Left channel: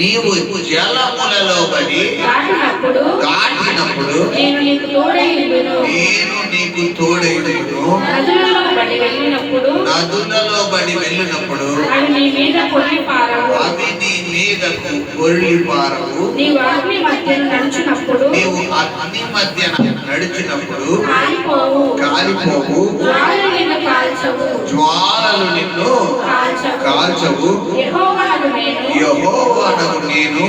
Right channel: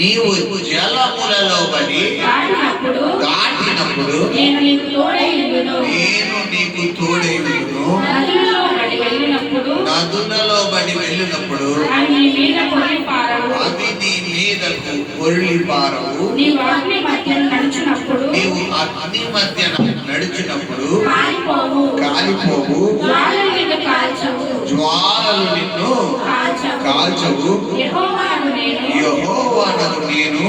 నీవు జలములలో పడి దాటినప్పుడు నేను నీకు తోడైండును. నదులలో పడి వెళ్ళినప్పుడు అవి నీ మీదకు పొర్లి పారవు. నీవు అగ్ని మధ్యన నడిచినప్పుడు కాలిపోవు. జ్వాలలు నిన్ను కాల్చవు. యెహోవానగు నేను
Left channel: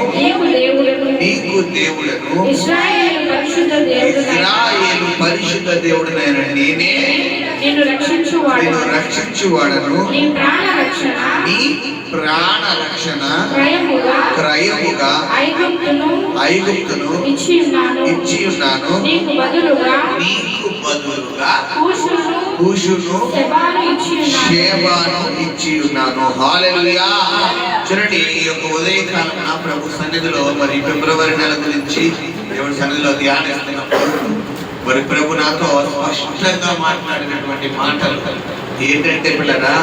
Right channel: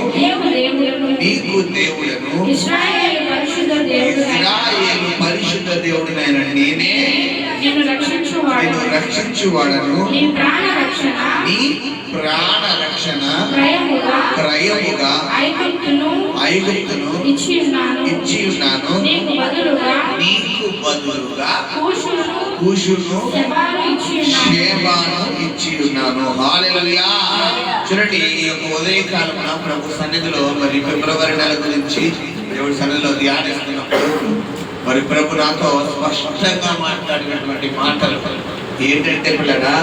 నీకు దేవుడను. ఇశ్రాయేలు పరిశుద్ధ దేవుడనైన నేనే నిన్ను రక్షించువాడను. నీ ప్రాణ రక్షణ క్రయముగా ఐగుప్తును ఇచ్చి ఉన్నాను. నీకు బదులుగా కూషును షేబాను ఇచ్చి ఉన్నాను. హల్లెలూయా. చూడండి, ఈ యొక్క ఉదయకాలమున ప్రభు సన్నిధిలో మరి ఫిబ్రవరి నెల గురించి దేవుడి సన్నిధిలో ధ్యానిస్తున్నప్పుడు మరి ప్రభు నాతో స్పష్టంగా మాట్లాడినటువంటి మాటలు ఏంటంటే, పిల్లరా,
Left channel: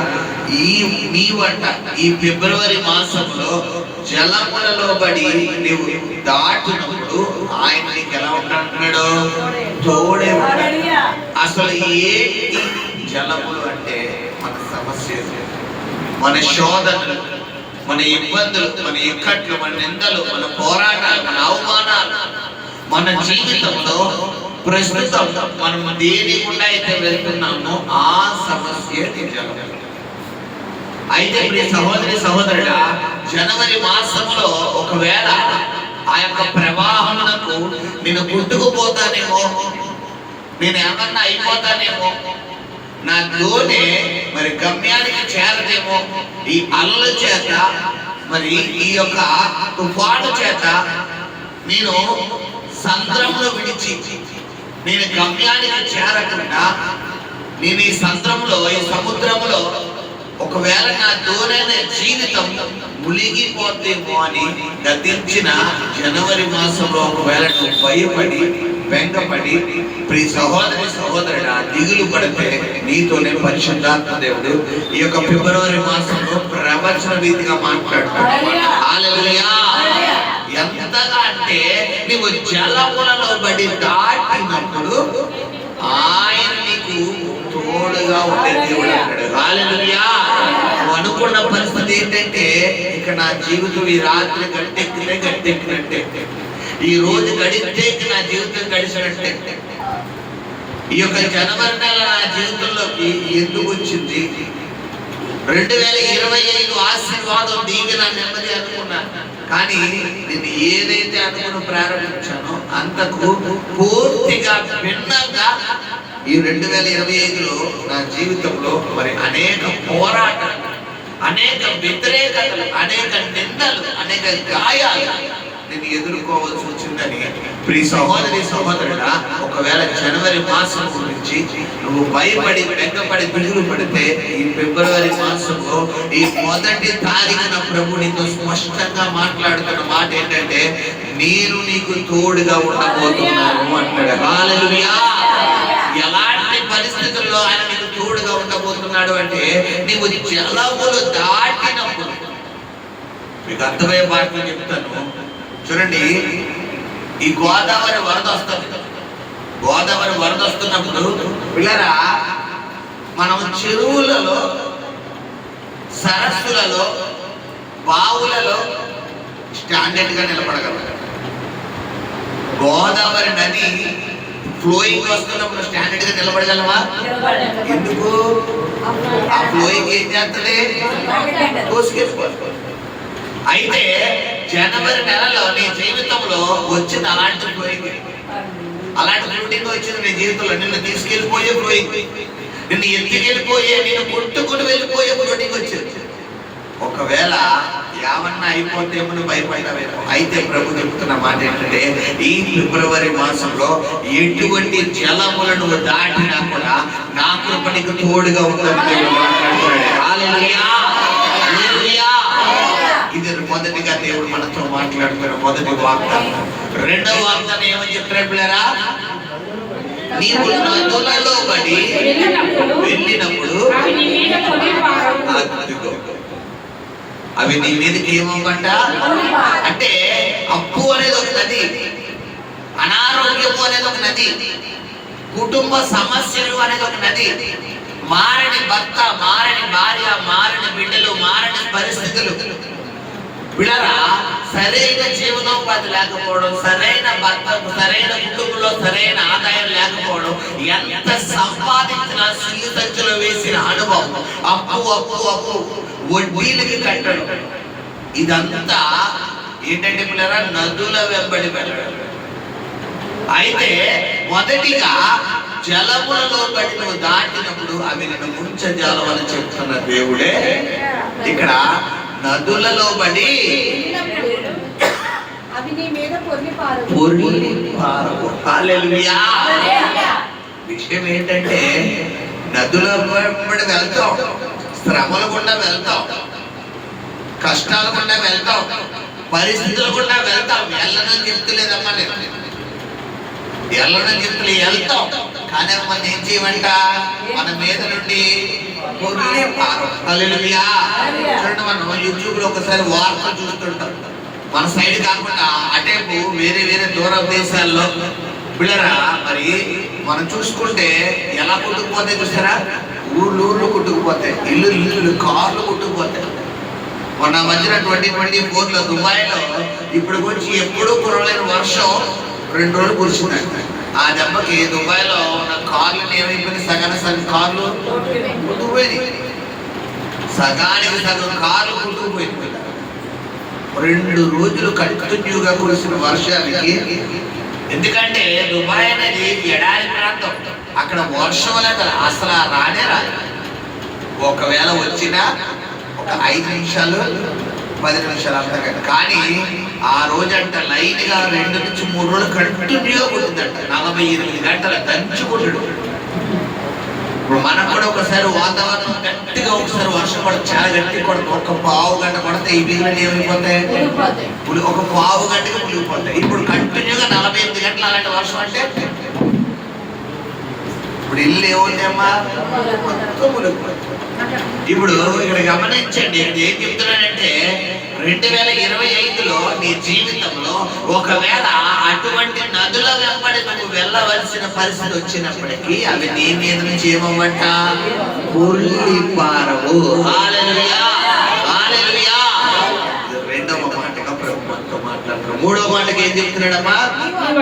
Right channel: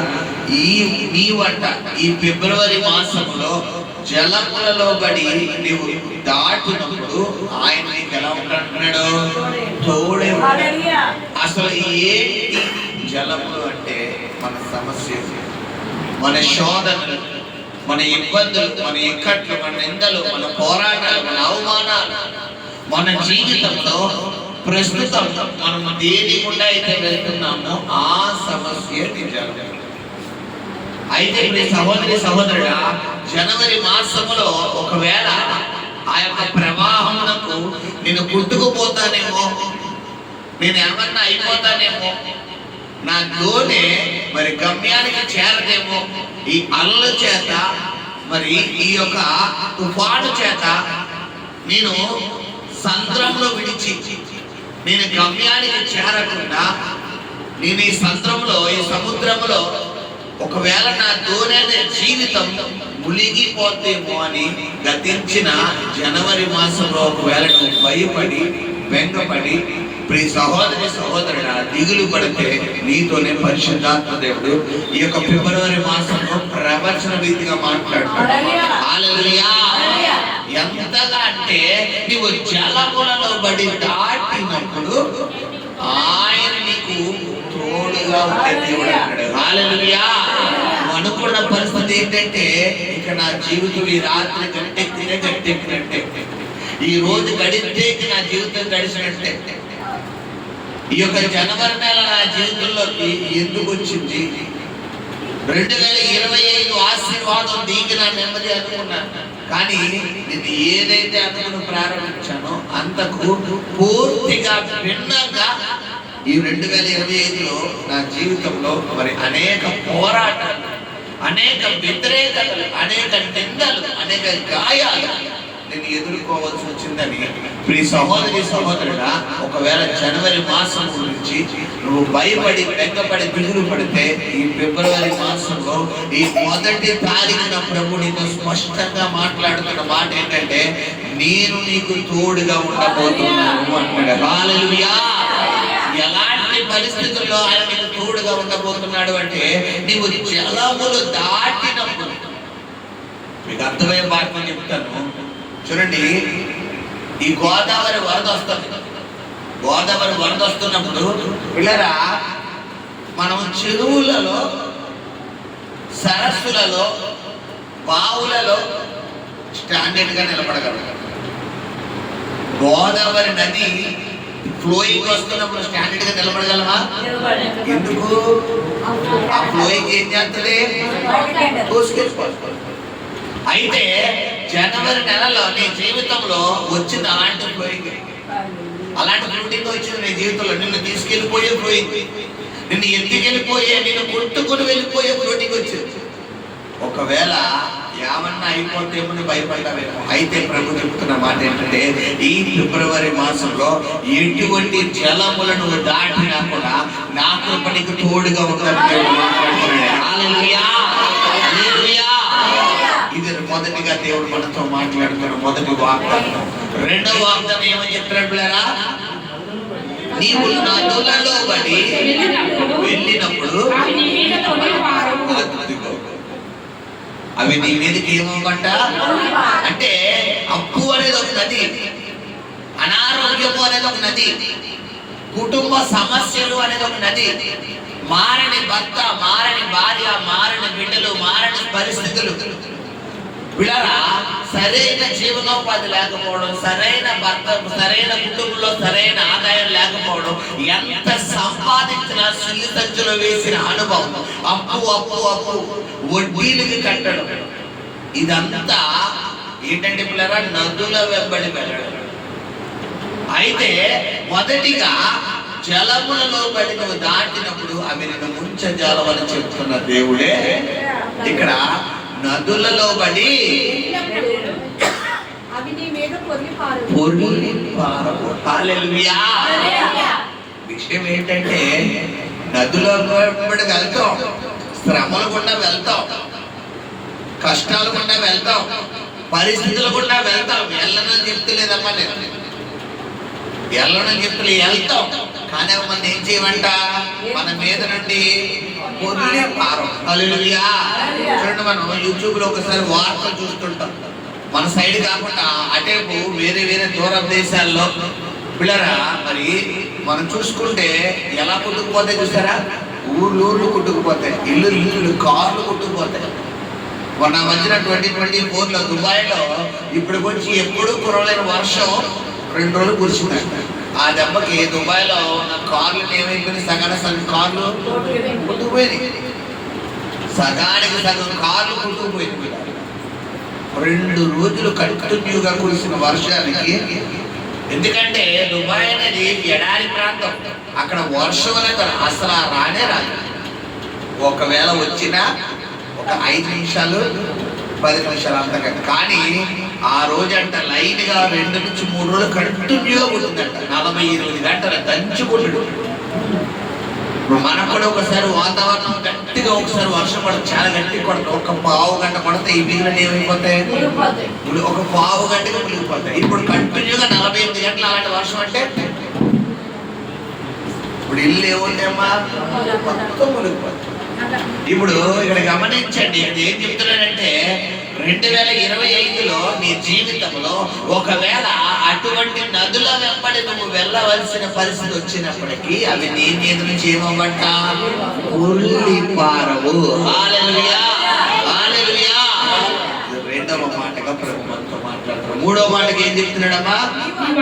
ఈ ఫిబ్రవరి మాసంలో జలములలో పడి నీవు దాటినప్పుడు ఆయన నీకు ఎలా ఉంటాడు? తోడే. అసలు ఏంటి జలములు అంటే? మన సమస్యలు, మన శోధనలు, మన ఇబ్బందులు, మన ఇక్కట్లు, మన నిందలు, మన పోరాటాలు, మన అవమానాలు, మన జీవితంలో ప్రస్తుతం మనం దేని గుండా అయితే వెళ్తున్నామో ఆ సమస్య జలం. అయితే సహోదరి సహోదరుడా, జనవరి మాసంలో ఒకవేళ ఆ యొక్క ప్రవాహములకు నేను కొట్టుకుపోతానేమో, నేను ఏమన్నా అయిపోతానేమో, నా దోణి మరి గమ్యానికి చేరదేమో, ఈ అలల చేత మరి ఈ యొక్క తుఫాను చేత నేను సంద్రంలో విడిచి నేను గమ్యానికి చేరకుండా నేను ఈ సంద్రంలో, ఈ సముద్రంలో ఒకవేళ నా దోణి జీవితం మునిగిపోతేమో అని గతించిన జనవరి మాసంలో ఒకవేళ నువ్వు భయపడి బెంగపడి ప్రియ సహోదరి సహోదరుడా దిగులు పడితే నీతోనే పరిశుద్ధాత్మ దేవుడు ఈ యొక్క ఫిబ్రవరి మాసంలో ప్రవచన రీతిగా మాట్లాడతాడు. హల్లెలూయా. ఎంతగా అంటే నీవు జలములలో పడి దాటినప్పుడు ఆయన నీకు తోడుగా ఉండే దేవుడు అంటాడు. హల్లెలూయా. నువ్వు అనుకున్న పరిస్థితి ఏంటంటే, ఇక నా జీవితం ఈ రాత్రి గట్టెక్కినట్టే, ఈ రోజు గడిస్తే నా జీవితం గడిచినట్టే. ఈ యొక్క జనవరి నెల నా జీవితంలోకి ఎందుకు వచ్చింది? 2025 ఆశీర్వాదం దీవెన నెమ్మది అనుకున్నాను, కానీ నేను ఏదైతే అనుకుని ప్రారంభించానో అంతకు పూర్తిగా భిన్నంగా ఈ 2025లో నా జీవితంలో మరి అనేక పోరాటాలు, అనేక వ్యతిరేకతలు, అనేక నిందలు, అనేక గాయాలు నేను ఎదుర్కోవాల్సి వచ్చిందని ప్రియ సహోదరి సహోదరుడా, ఒకవేళ జనవరి మాసం గురించి నువ్వు భయపడి బెంగపడి దిగులు పడితే ఈ ఫిబ్రవరి మాసంలో ఈ 1వ తారీఖున ప్రభు నీతో స్పష్టంగా మాట్లాడుతున్న మాట ఏంటంటే, నేను నీకు తోడుగా ఉండబోతున్నాను అంటాడు. హల్లెలూయా. ఎలాంటి పరిస్థితుల్లో ఆయన నీకు తోడుగా ఉండబోతున్నాడు అంటే, నీవు జలములు దాటినప్పుడు. మీకు అర్థమయ్యే మాటలు చెప్తాను చూడండి. ఈ గోదావరి వరద వస్తుంది. గోదావరి వరద వస్తున్నప్పుడు పిల్లరా, మనం చెరువులలో, సరస్సులలో, బావులలో స్టాండర్డ్ గా నిలబడగలం. గోదావరి నది ఫ్లోయింగ్ వస్తున్నప్పుడు స్టాండర్డ్ గా నిలబడగలమా? ఎందుకు? ఆ ఫ్లోయింగ్ ఏం చేస్తుంది? తోసుకెళ్ళిపోతుంది. అయితే జనవరి నెలలో నీ జీవితంలో వచ్చింది అలాంటి ఫ్లోయింగ్, అలాంటి ఫ్లోటింగ్ వచ్చింది నీ జీవితంలో. నిన్ను తీసుకెళ్ళిపోయే ఫ్లోయింగ్, నిన్ను ఎత్తుకెళ్ళిపోయే, నిన్ను కొట్టుకుని వెళ్ళిపోయే ఫ్లోటింగ్ వచ్చింది. ఒకవేళ ఏమన్నా అయిపోతే నువ్వు భయపడ్డావేమో. అయితే ప్రభు చెప్తున్న మాట ఏంటంటే, ఈ ఫిబ్రవరి మాసంలో ఎటువంటి జలములను దాటినా కూడా నా కృపణికి తోడుగా ఉందని మాట్లాడుతున్నాడు. హల్లెలూయా. ఇది మొదటిగా దేవుడు మనతో మాట్లాడుతున్న మొదటి వాగ్దానం. రెండవ వాగ్దానం ఏమని చెప్తాడు పిల్లరా? నీవు నదులలో పడి వెళ్ళినప్పుడు అవి నీ మీదకి ఏమవ్వంట? అనారోగ్యము అనేది ఒక నది, కుటుంబ సమస్యలు అనేది ఒక నది, మారని భర్త, మారని భార్య, మారని బిడ్డలు, మారని పరిస్థితులు, పిల్లరా సరైన జీవనోపాధి లేకపోవడం, సరైన భర్త, సరైన కుటుంబంలో సరైన ఆదాయం లేకపోవడం, ఎంత సంపాదించిన సిల్లు సంచులో వేసిన అనుభవం, అప్పు అప్పు అప్పు, వడ్డీలకి కట్టడం, ఇదంతా ఏంటంటే పిల్లరా నదుల వెంబడి వెళ్ళడం. అయితే మొదటిగా జలములలో బడి నువ్వు దాటినప్పుడు అవి నిన్ను ముంచజాలవని చెప్తున్న దేవుడే ఇక్కడ నదులలో బడి విషయం ఏంటంటే నదుల బడి వెళ్తాం, శ్రమల గుండా వెళ్తాం, కష్టాల గుండా వెళ్తాం, పరిస్థితుల గుండా వెళ్తాం. వెళ్ళనని చెప్తలేదమ్మా, నేను వెళ్ళనని చెప్తలే, వెళ్తాం. కానీ మనం ఏం చేయమంట, మన మీద నుండి పొర్లి పారం. హల్లెలూయా. చూడండి, మనం యూట్యూబ్ లో ఒకసారి వార్త చూస్తుంటాం, మన సైడ్ కాకుండా అటేపు వేరే వేరే దూర దేశాల్లో పిల్లరా మరి మనం చూసుకుంటే ఎలా కొట్టుకుపోతాయి చూసారా, ఊర్లు కొట్టుకుపోతాయి, ఇల్లు కార్లు కొట్టుకుపోతాయి. మొన్న మధ్యన 2024లో దుబాయ్లో ఇప్పుడు గురించి ఎప్పుడూ కురవలేని వర్షం 2 రోజులు కురిసిందండి. ఆ దెబ్బకి దుబాయ్లో ఉన్న కార్లు ఏమైపోయింది, సగం కార్లు కొట్టుకుపోయింది, సగానికి సగం కార్లు కొట్టుకుపోయింది. 2 రోజులు కంటిన్యూగా కురిసిన వర్షానికి. ఎందుకంటే దుబాయ్ అనేది ఎడారి ప్రాంతం, అక్కడ వర్షం అనేది అసలు రానే రాదు. ఒకవేళ వచ్చినా ఒక 5 నిమిషాలు 10 నిమిషాలు అంతకంటే. కానీ ఆ రోజంట లైన్ గా 2 నుంచి 3 రోజులు కంటిన్యూగా కొట్టిందంట, 48 గంటలు దంచి కొట్టడు. ఇప్పుడు మనకు కూడా ఒకసారి వాతావరణం గట్టిగా ఒకసారి వర్షం పడదు, చాలా గట్టి కొడుతుంది, ఒక పావు గంట కొడితే ఈ బిల్లులు ఏమైపోతాయి, ఒక పావు గంటగా మునిగిపోతాయి. ఇప్పుడు కంటిన్యూగా 48 గంటలు అలాంటి వర్షం అంటే ఇప్పుడు ఇల్లు ఏమవుతాయమ్మా, మొత్తం మునిగిపోతాయి. ఇప్పుడు ఇక్కడ గమనించండి, ఏం చెప్తున్నానంటే 2025లో నీ జీవితంలో ఒకవేళ అటువంటి నదుల వెంబడి నువ్వు వెళ్ళవలసిన పరిస్థితి వచ్చినప్పటికీ అవి నీ మీద నుంచి ఏమవ్వంట, పొర్లి పారవు. హల్లెలూయా, హల్లెలూయా. రెండవ మాటగా ప్రభుత్వం మాట్లాడుతున్నాడు. మూడవ మాటకి ఏం చెప్తున్నాడమ్మా,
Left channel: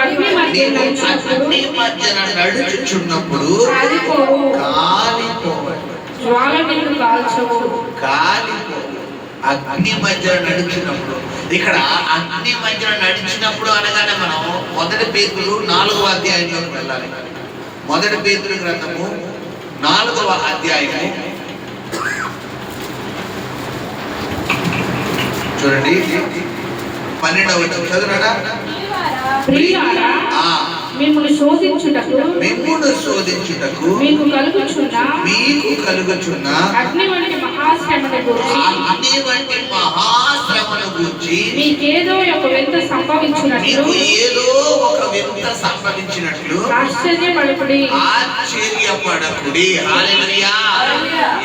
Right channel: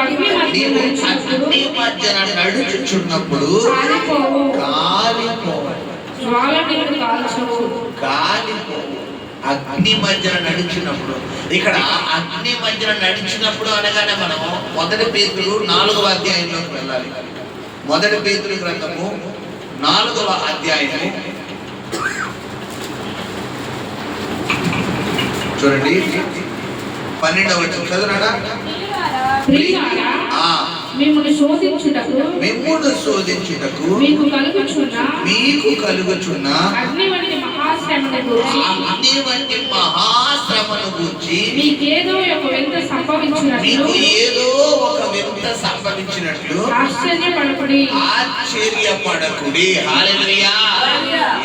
అగ్ని మధ్యన నడుచుచున్నప్పుడు కాలిపో. అగ్ని మధ్యన నడిచినప్పుడు, ఇక్కడ అగ్ని మధ్యన నడిచినప్పుడు అనగానే మనం 1 పేతురు 4వ అధ్యాయంలోకి వెళ్ళాలి. 1 పేతురు గ్రంథము 4వ అధ్యాయము చూడండి, 12వ వచనం చదువురా. మిమ్మును శోధించుటకు మీకు కలుగుచున్న అగ్ని వంటి మహాశ్రమను గూర్చి మీకేదో ఒక వింత సంభవించినట్లు ఆశ్చర్యపడకుడి. హల్లెలూయా.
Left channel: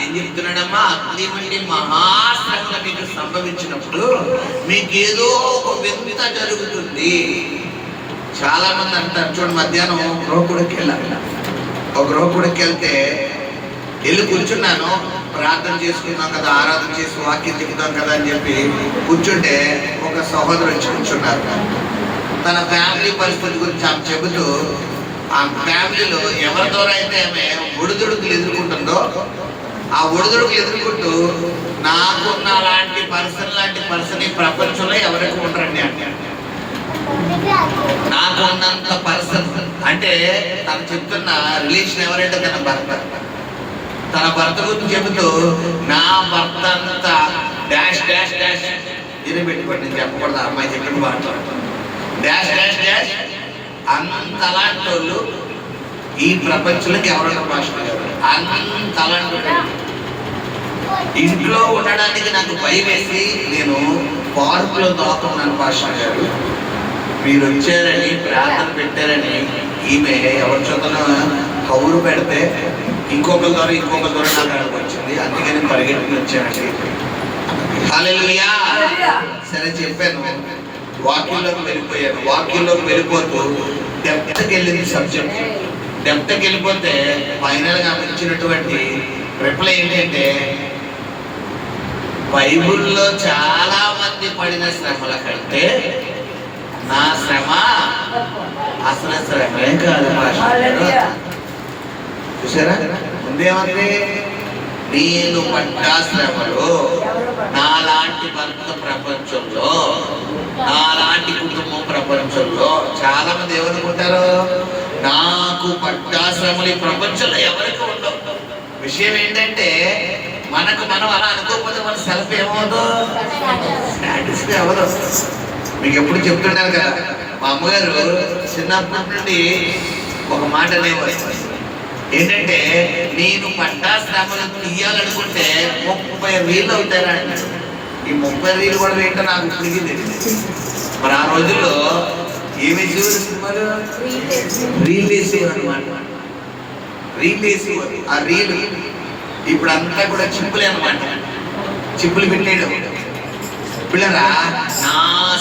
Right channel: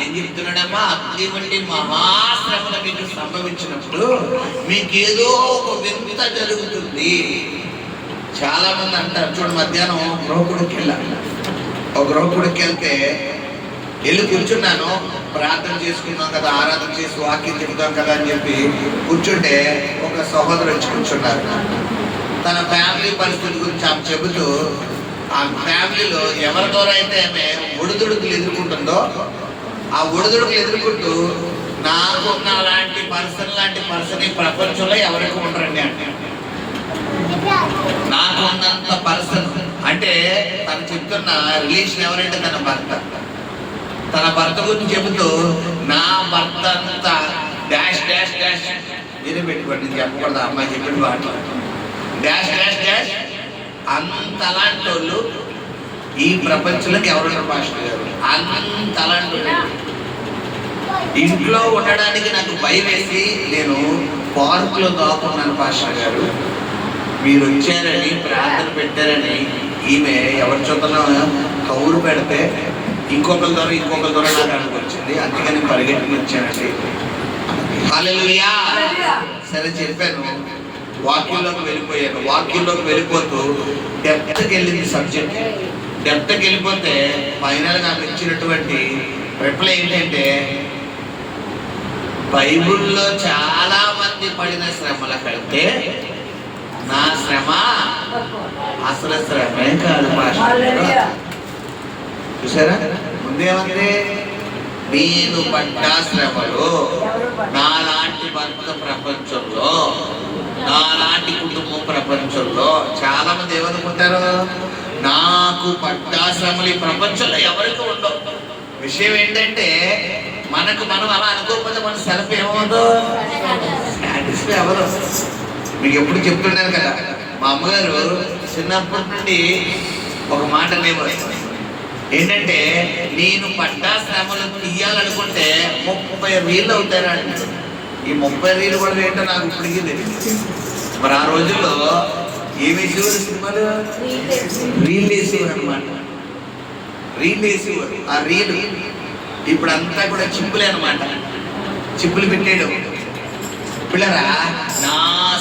ఏం చెప్తున్నాడమ్మా, అగ్ని వంటి మహాశ్రమలు మీకు సంభవించినప్పుడు మీకేదో ఒక వింత జరుగుతుంది. చాలా మంది అంటారు, చూడండి, మధ్యాహ్నం గృహకుడికి వెళ్ళాలి, ఒక గృహకుడికి వెళ్తే వెళ్ళి కూర్చున్నాను, ప్రార్థన చేసుకున్నాం కదా, ఆరాధన చేసి వాక్యం చెప్తాం కదా అని చెప్పి కూర్చుంటే ఒక సహోదరు వచ్చి కూర్చున్నారు. తన ఫ్యామిలీ పరిస్థితి గురించి ఆమె చెబుతూ, ఆ ఫ్యామిలీలో ఎవరి ద్వారా అయితే ఆమె ఒడిదుడుకులు ఎదుర్కొంటుందో ఆ ఒడిదుడుకులు ఎదుర్కొంటూ నాకున్న లాంటి పర్సన్ ఈ ప్రపంచంలో ఎవరికి ఉండరండి అంటే, నాకు ఉన్నంత పర్సన్ అంటే తను చెప్తున్న రిలేషన్ ఎవరంటే తన భర్త గురించి చెబుతూ, నా భర్త అంతా డాష్ డాష్ డాష్ ఇదే పెట్టుకోండి, నేను చెప్పకూడదు, అమ్మాయి చెప్పిన మాటలు డాష్ డాష్ డాష్. అంత అలాంటి వాళ్ళు ఈ ప్రపంచంలోకి ఎవరున్నారు మాస్టర్ గారు, అంత అలాంటి ఇంట్లో ఉండడానికి నాకు భయం వేసి నేను పార్కులో దాక్కున్నాను మాస్టర్ గారు. మీరు వచ్చారని ప్రార్థన పెట్టారని ఈమె ఎవరి చోతన కౌరు పెడితే ఇంకొకరి ద్వారా నాకు అక్కడికి వచ్చింది, అందుకని పరిగెట్టుకుని వచ్చానండి. హల్లెలూయా. సరే చెప్పాను, వాక్యంలోకి వెళ్ళిపోయాను. వాక్యంలోకి వెళ్ళిపోతూ డెప్త్కి వెళ్ళింది సబ్జెక్ట్. డెప్త్కి వెళ్ళిపోతే ఫైనల్గా ఆమె ఇచ్చినటువంటి రిప్లై ఏంటంటే, బైబిల్లో చాలా మంది పడిన శ్రమల కంటే నా శ్రమ అసలు శ్రమే కాదు మాస్టర్. చూసారా, ముందేమంటే నేను పడ్డ శ్రమలు నాలాంటి భర్త ప్రపంచంలో, నాలాంటి కుటుంబం ప్రపంచంలో చాలా మంది ఏమనుకుంటారు, నాకు పడ్డ శ్రమలు ఈ ప్రపంచంలో ఎవరికి ఉండవు. విషయం ఏంటంటే మనకు మనం అలా అనుకోకపోతే మన సెల్ఫ్ ఏమవుతుందో సాటిస్ఫై అవ్వదు. మీకు ఎప్పుడు చెప్తుంటారు కదా, మా అమ్మగారు చిన్నప్పటి నుండి ఒక మాట అనేవారు ఏంటంటే, నేను పడ్డ శ్రమలు తీయాలనుకుంటే 30 రీళ్ళు అవుతారా అంటారు. ఈ 30 రీళ్ళు కూడా ఏంటో నాకు ఇప్పటికీ తెలియదు. మరి ఆ రోజుల్లో ఏమి సినిమాలు రీల్ వేసేవారు అనమాట. రీల్ వేసేవారు. ఆ రీలు ఇప్పుడు అంతా కూడా చిప్పులే అనమాట. చిప్పులు పెట్టాడు పిల్లరా. నా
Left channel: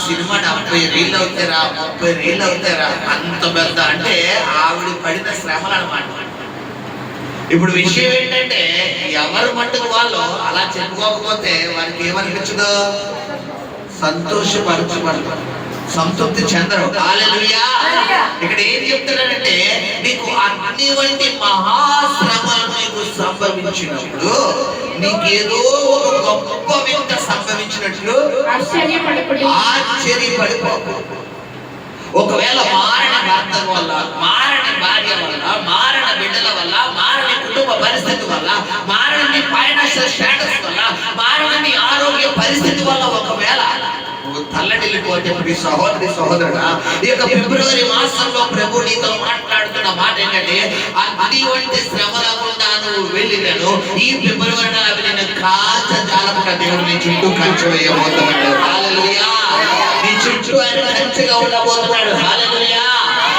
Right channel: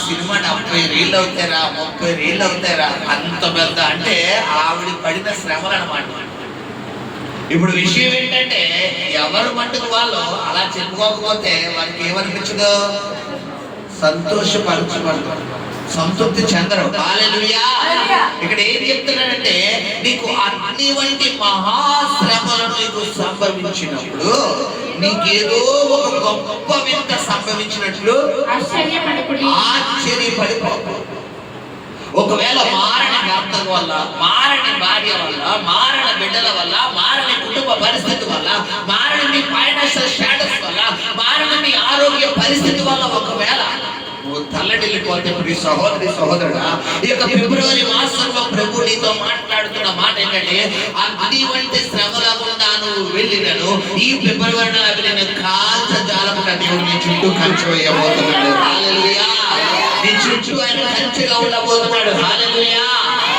సినిమా 70 రీళ్ళు అవుతారా, 30 రీళ్ళు అవుతారా, అంత పెద్ద అంటే ఆవిడ పడిన శ్రమలు అనమాట. ఇప్పుడు విషయం ఏంటంటే, ఎవరు మట్టుకు వాళ్ళు అలా చెప్పుకోకపోతే వారికి ఏమనిపించదు, సంతోషపరచబడతారు, సంతృప్తి చెందరు. హల్లెలూయా. ఇక్కడ ఏం చెప్తున్నాడంటే, నీకు అగ్ని వంటి మహాశ్రమలు నీకు సంభవించినప్పుడు నీకేదో ఒక గొప్ప వింత సంభవించినట్లు ఆశ్చర్యపడిపోకు. ఒకవేళ మారణ భర్త వల్ల, మారణ భార్య వల్ల, మారణ బిడ్డల వల్ల, మారణ కుటుంబ పరిస్థితి వల్ల, మారణ నీ ఫైనాన్షియల్ స్టేటస్ వల్ల, మారణ నీ ఆరోగ్య పరిస్థితి వల్ల ఒకవేళ నువ్వు తల్లడిల్లిపోతే నీ సహోదరి సహోదరుడా, ఈ యొక్క ఫిబ్రవరి మాసంలో ప్రభు నీతో మాట్లాడుతున్న మాట ఏంటంటే, అగ్ని వంటి శ్రమల గుండా నువ్వు వెళ్ళినను ఈ ఫిబ్రవరిలో అవి నేను కాచ జాలముగా దేవుడు నీ చుట్టూ కంచె వేయబోతున్నాడు. హల్లెలూయా. నీ చుట్టూ ఆయన కంచెగా ఉండబోతున్నాడు. హల్లెలూయా.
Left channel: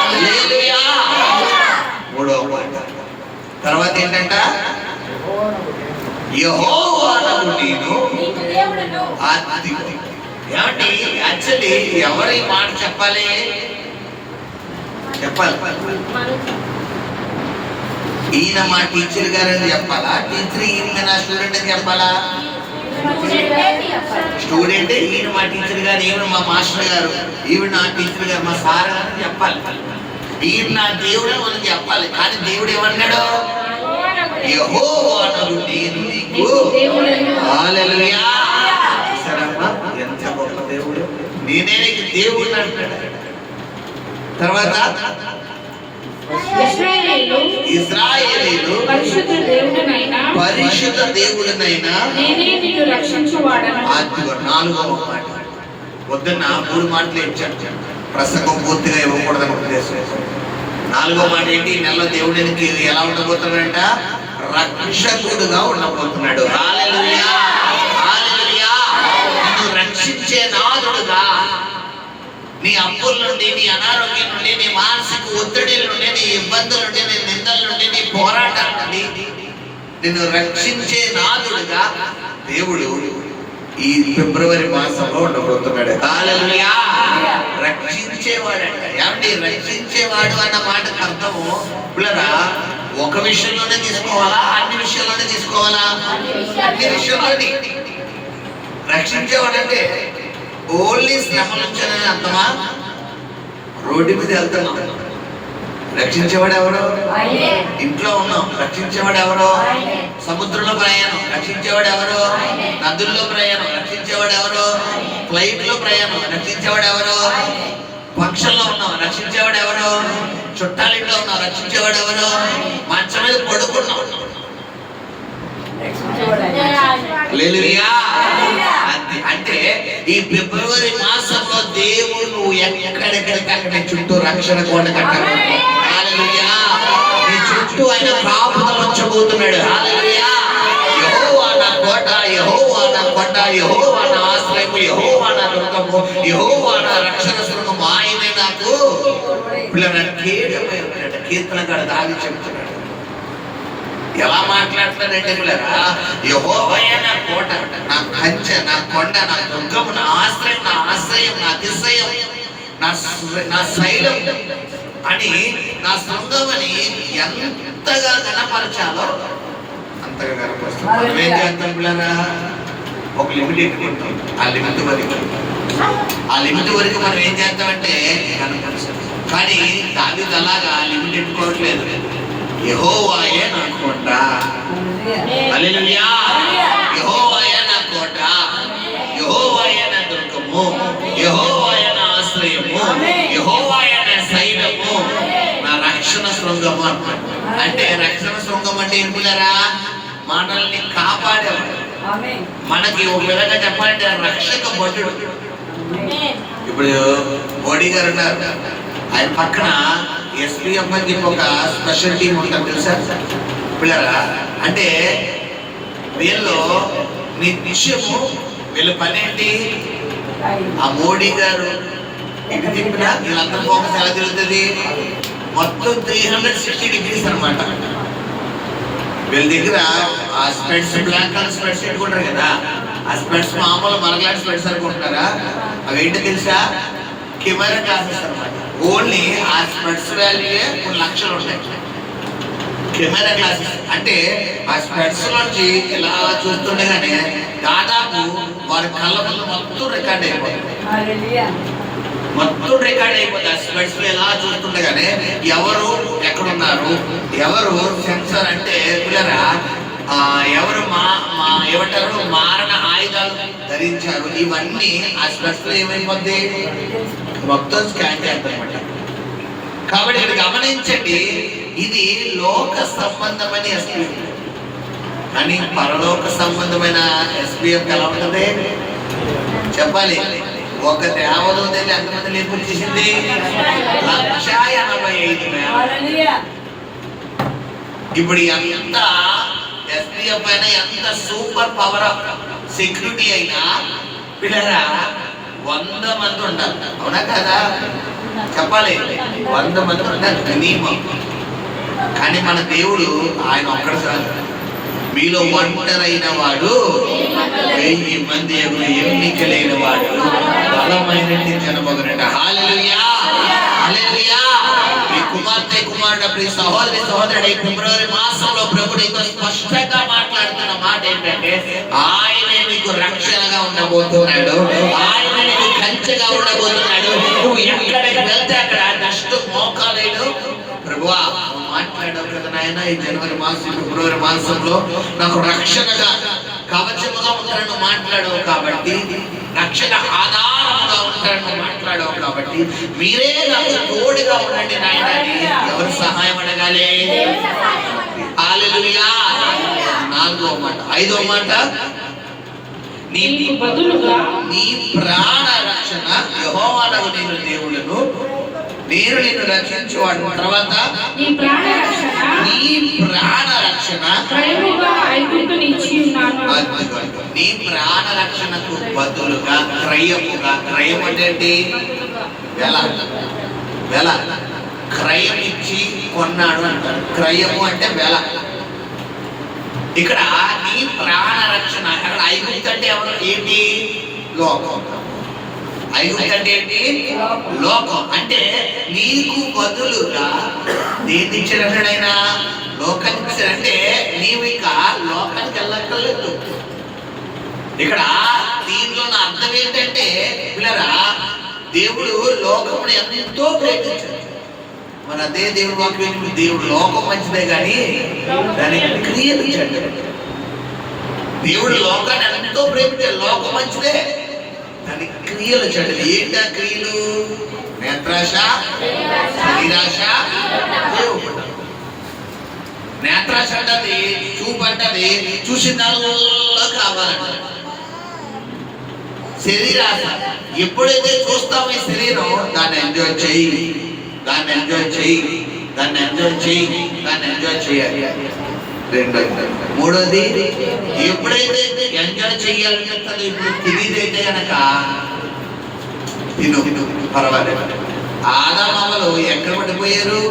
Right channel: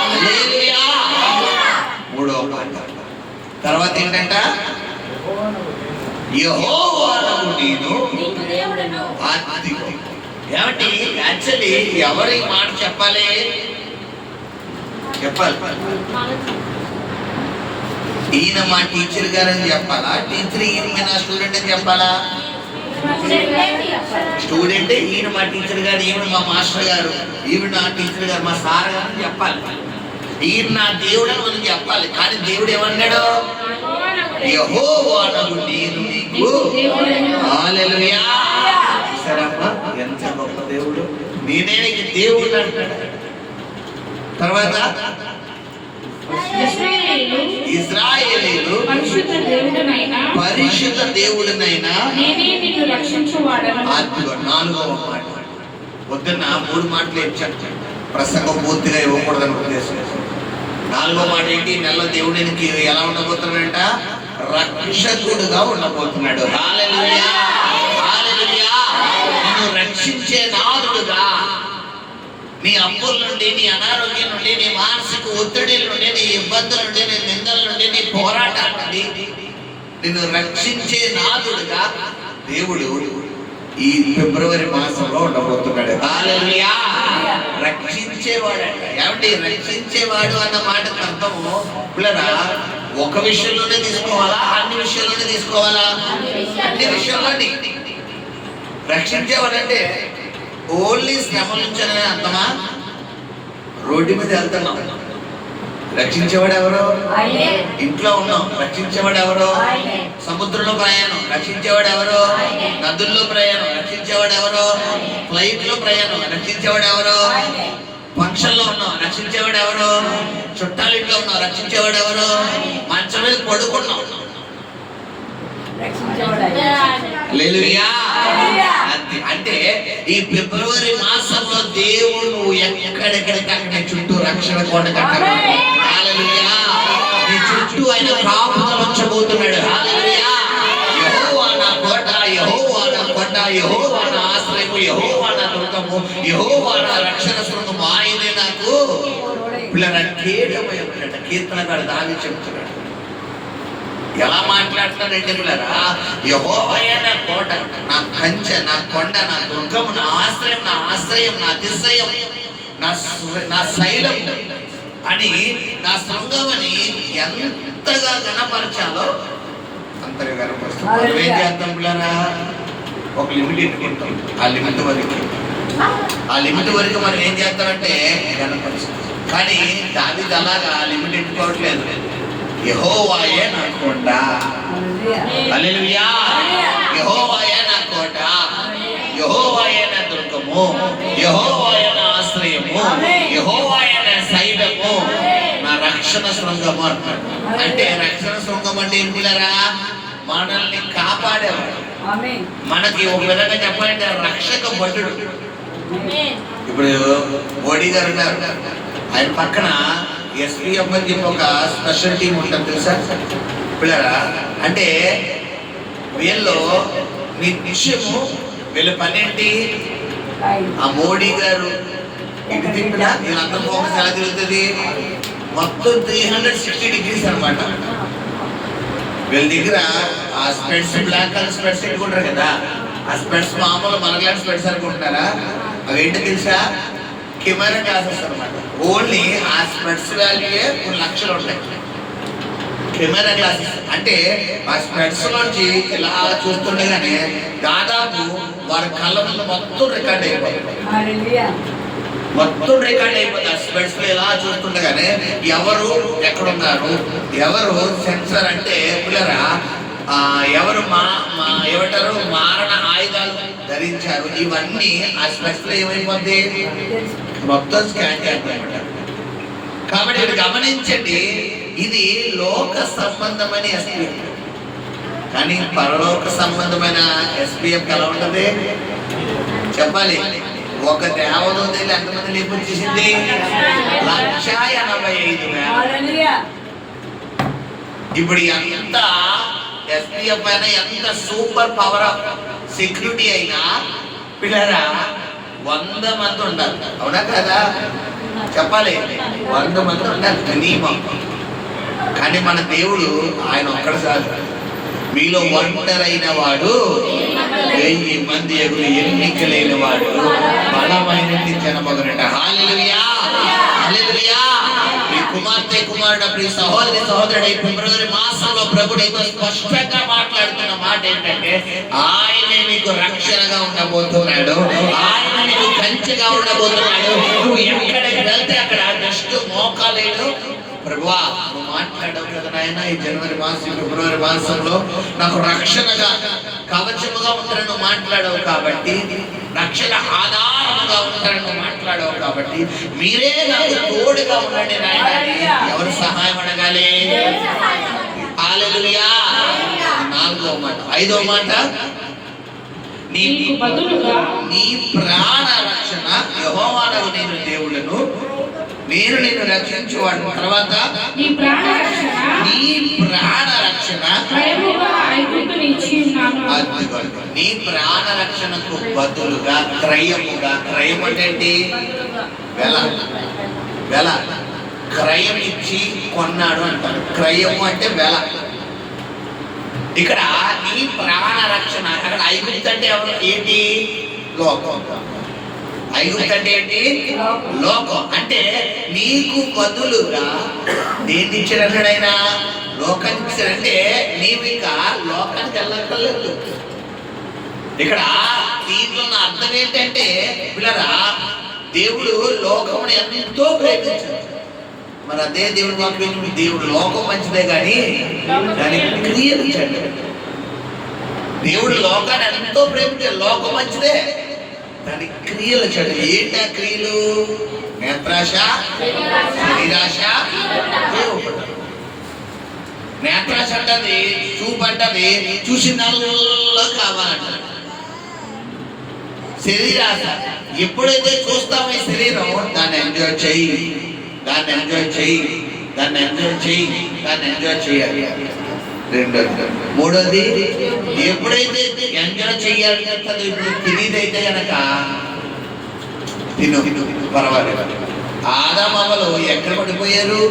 హల్లెలూయా. మూడవ మాట తర్వాత ఏంటంట, యెహోవాను నేను ఏమంటే యాక్చువల్లీ ఎవరు ఈ మాట చెప్పాలి, ఈయన మా టీచర్ గారని చెప్పాలా, టీచర్ ఈయన నా స్టూడెంట్ అని చెప్పాలా? స్టూడెంట్ ఈయన మా టీచర్ గారు, ఈయన మా మాస్టర్ గారు, ఈవిడ నా టీచర్ గారు, మా సార్ గారు అని చెప్పాలి. ఈయన నా దేవుడు అని వాళ్ళకి చెప్పాలి. కానీ దేవుడు ఏమన్నాడు, యెహోవాను నేను నీకు. హల్లెలూయా. సరేమ్మా, ఎంత గొప్ప దేవుడు, నేనే నీకు దేవుడు అంటాడు. తర్వాత ఇశ్రాయేలీయులు పరిశుద్ధ దేవుడినైనా నేనే నిన్ను రక్షించువాడను. నాలుగవ మాట. పొద్దున్న 3 మాటలు ఇచ్చాను, ప్రసంగం పూర్తిగా ఇవ్వకూడదని ఉద్దేశం. నాలుగో మాట ఏంటి, నెలలో దేవుడికి ఎలా ఉండబోతున్నాడంట, రక్షకుడుగా ఉండబోతున్నాడు. హల్లెలూయా. హల్లెలూయా. నిన్ను రక్షించే నాదుడుగా, నీ అప్పుల నుండి, నీ అనారోగ్యం నుండి, నీ మానసిక ఒత్తిడి నుండి, నీ ఇబ్బందుల నుండి, నీ నిందల నుండి, నీ పోరాటాల నుండి నిన్ను రక్షించే నాదుడుగా దేవుడు ఈ ఫిబ్రవరి మాసంలో ఉండబోతున్నాడు. హల్లెలూయా. రక్షించేవాడంట. ఏమంటే రక్షించేవాడు అన్న మాటకు అర్థము పిల్లరా, ఒక విషయంలోనే తీసుకోవాలా, అన్ని విషయంలోనే తీసుకోవాలా? అన్ని విషయంలోనే. రక్షించేవాడంటే ఓన్లీ శ్రమ నుంచి అర్థమా? రోడ్డు మీద వెళ్తున్నాం, రక్షించేవాడు ఎవరు? ఇంట్లో ఉన్నాం, రక్షించేవాడు ఎవరు? సముద్రంలో ప్రయాణం, రక్షించేవాడు ఎవరు? నదుల్లో ప్రయాణం, రక్షించేవాడు ఎవరు? ఫ్లైట్ లో ప్రయాణం, రక్షించేవాడు ఎవరు? ఫంక్షన్ లో ఉన్నాం, రక్షించేవాడు ఎవరు? చుట్టాలింట్లో ఉన్నాం, రక్షించేవాడు ఎవరు? మంచం మీద పడుకున్నాం. అంటే ఈ ఫిబ్రవరి మాసంలో దేవుడు నువ్వు ఎక్కడెక్కడికి అక్కడ చుట్టూ రక్షణ కోట కట్టాడు. హల్లెలూయా. నీ చుట్టూ ఆయన కాపుదల ఉంచబోతున్నాడు. హల్లెలూయా. యెహోవా నా కోట, యెహోవా నా కొండ, యెహోవా నా ఆశ్రయము, యెహోవా నా దుర్గము, యెహోవా నా రక్షణ శృంగము, ఆయనే నాకు పిల్లల కేడమైన కీర్తనగాడు దావి చెప్తున్నాడు. ఎలా మాట్లాడుతున్నాడంటే పిల్లరా, యెహోవాయే నా కోట, నా కంచె, నా కొండ, నా దుర్గము, నా ఆశ్రయం, నా అతిశయం, నా శైలం అని, నా శృంగం అని ఎంతగా గణపరచాలో అంతగా గణపరుస్తాం. మనం ఏం చేస్తాం పిల్లరా, ఒక లిమిట్ ఎట్టుకుంటాం. ఆ లిమిట్ వరకు మనం ఏం చేస్తామంటే గణపరుస్తాం. కానీ దావీదు అలాగా లిమిట్ ఎట్టుకోవట్లేదు. యెహోవాయే నా కోట, హల్లెలూయా, యెహోవాయే నా కోట, యెహోవాయే నా దుర్గము, యెహోవాయే నా ఆశ్రయము, యెహోవాయే నా శైలము, నా రక్షణ శృంగము అంటాడు. అంటే రక్షణ శృంగం అంటే ఏం పిల్లరా, మనల్ని కాపాడేవాడు. మనకి ఒక విధంగా చెప్పాలంటే రక్షక భటుడు. ఇప్పుడు మోడీ గారు ఉన్నారు, ఆయన పక్కన ఎస్పీఎఫ్ అని చెప్పి ఒక స్పెషల్ టీం ఉంటుంది తెలుసా పిల్లరా. అంటే వీళ్ళు నిత్యము వీళ్ళ పని ఏంటి, ఆ మోడీ గారు ఇది తిప్పినా వీళ్ళంతా ఫోకస్ ఎలా తిరుగుతుంది, మొత్తం 360 degrees అనమాట. వీళ్ళ దగ్గర ఆ స్పెట్స్, బ్లాక్ కలర్ స్పెట్స్ పెట్టుకుంటారు కదా, ఆ స్పెట్స్ మామూలు మనలాంటి స్పెట్స్ అనుకుంటున్నారా, అవి ఏంటో తెలుసా, కెమెరా గ్లాసెస్ అనమాట. ఓన్లీ ఆ స్పెట్స్ వాల్యూయే కొన్ని లక్షలు ఉంటాయి. కెమెరా గ్లాసెస్ అంటే ఆ స్పెట్స్ నుంచి ఇలా చూస్తుండగానే దాదాపు వారి కళ్ళ ముందు మొత్తం రికార్డ్ అయిపోతుంది. ఆ స్పెట్స్ ఇలా చూస్తుండగానే ఎవరు ఎక్కడున్నారు, ఎవరు సెన్సర్ అంటే పిల్లరా, ఎవరు ఏమంటారు మారణ ఆయుధాలు ధరించారు, ఇవన్నీ ఆ స్పెట్స్ లో ఏమైపోద్ది మొత్తం స్కాన్ చేస్తారన్నమాట. కాబట్టి ఇది గమనించండి, ఇది లోక సంబంధమైన ఎస్పీఎఫ్. కానీ పరలోక సంబంధమైన ఎస్పీఎఫ్ ఎలా ఉంటుంది చెప్పాలి. ఒక దేవదూతని ఎంతమంది లేపుచ్చేసింది, 185,000. ఇప్పుడు ఎంత ఎస్పీఎఫ్ అయినా, ఎంత సూపర్ పవర్ ఆఫ్ సెక్యూరిటీ అయినా పిల్లరా 100 మంది ఉండాలి. అవునా కదా చెప్పాలి, 100 మంది ఉండాలి మినిమం. కానీ మన దేవుడు ఆయన ఒక్కడు చాలు. మీలో ఒంటరైన వాడు 1000 మంది ఎన్నిక లేని వాడు బలమైన జనమగునట. హల్లెలూయా, హల్లెలూయా. ఈ కుమార్తె కుమారుడు ప్రియ సహోదరుడు ఫిబ్రవరి మాసంలో ప్రభు నీతో స్పష్టంగా మాట్లాడుతున్న మాట ఏంటంటే, ఆయనే మీకు రక్షణగా ఉండబోతున్నాడు, ఆయన నీకు కంచెగా ఉండబోతున్నాడు. నువ్వు ఎక్కడికి వెళ్తే అక్కడ నెక్స్ట్ మోకాలేడు. ప్రభువా నువ్వు మాట్లాడవు కదా నాయన, ఈ జనవరి మాసం ఫిబ్రవరి మాసంలో నాకు రక్షణగా కవచముగా ఉంటారని మాట్లాడవు కాబట్టి, రక్షణ ఆధారంగా ఉంటారని మాట్లాడవు కాబట్టి, మీరే నాకు తోడుగా ఉండండి నాయన అని ఎవరు సహాయం అడగాలి? హల్లెలూయా. 4వ మాట. 5వ మాట, నీకు బదులుగా నీ ప్రాణ రక్షణ యెహోవానగు నేను దేవుడను, నేను నిన్ను రక్షించువాడు. తర్వాత నీ ప్రాణ రక్షణ నీ ప్రాణ రక్షణకు బదులుగా క్రయముగా, క్రయం అంటే ఏంటి, వెల క్రయం ఇచ్చి కొన్నాడు అంటారు. క్రయము అంటే వెల. ఇక్కడ నీ ప్రాణ రక్షణ, అక్కడ ఐగుప్తు అంటే ఎవరు ఏంటి, లోకం. ఐగుప్తు అంటే ఏంటి, లోకం. అంటే నీకు బదులుగా దేన్ని ఇచ్చాడైనా, లోకానికి ఇచ్చాడంటే నీవు ఇక లోకానికి వెళ్ళక్కర్లేదు. ఇక్కడ దీంట్లో నా అర్థం ఏంటంటే పిల్లరా, దేవుడు లోకమును ఎంతో ప్రేమించాడు. మరి అదే దేవుడు వాక్యం, దేవుడు లోకం మంచిదే కానీ దానికి క్రియలు ఇచ్చాడు. దేవుడు లోకాన్ని ఎంతో ప్రేమించాడు, లోకం మంచిదే, దానికి క్రియలు ఇచ్చాడు. ఏంటా క్రియలు? నేత్రాశ, శరీరాశ, నేత్రాశ అంటది, చూపు అంటది, చూసిందల్లా కావాలంట. శరీరాశ, ఎప్పుడైతే చూస్తామో ఈ శరీరం, దాన్ని ఎంజాయ్ చెయ్యి, దాన్ని ఎంజాయ్ చెయ్యి, దాన్ని ఎంజాయ్ చెయ్యి, దాన్ని ఎంజాయ్ చేయాలి. రెండోది. మూడోది, ఎప్పుడైతే ఎంజాయ్ చెయ్యాలి, ఇప్పుడు తినేదైతే కనుక తిను పర్వాలేదు. ఆదాము అవ్వలు ఎక్కడ పడిపోయారు?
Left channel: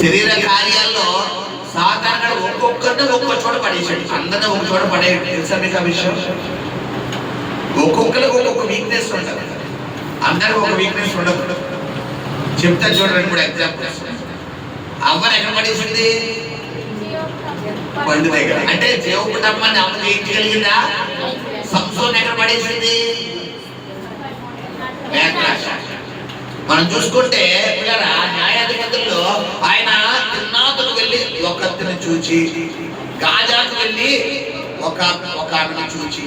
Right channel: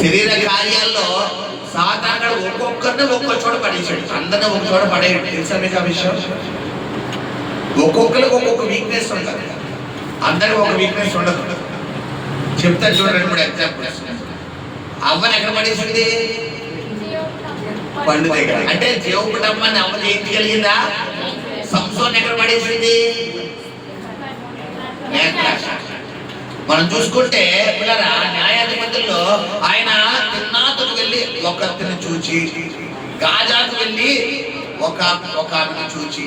శరీర కార్యాల్లో సాధారణ ఒక్కొక్కరిని ఒక్కొక్క చోట పడేసాడు, అందరినీ ఒక చోట పడేయడు. తెలుసా మీకు ఆ విషయం? ఒక్కొక్కరికి ఒక్కొక్క వీక్నెస్ ఉంటుంది, అందరికి ఒక వీక్నెస్ ఉండదు. చెప్తాను చూడండి 2-3 ఎగ్జాంపుల్స్. అమ్మని ఎక్కడ పడేసింది? పండు దగ్గర. అంటే దేవుడమ్మని అమ్మ జయించగలిగిందా? సంసోన్ ఎక్కడ పడేసింది? నేత్రాశ. మనం చూసుకుంటే పిల్లరా, న్యాయాధిపతుల్లో ఆయన తిన్నాతను వెళ్ళి ఒకరిని చూచి, గాజాకు వెళ్ళి ఒక ఆమెను చూచి,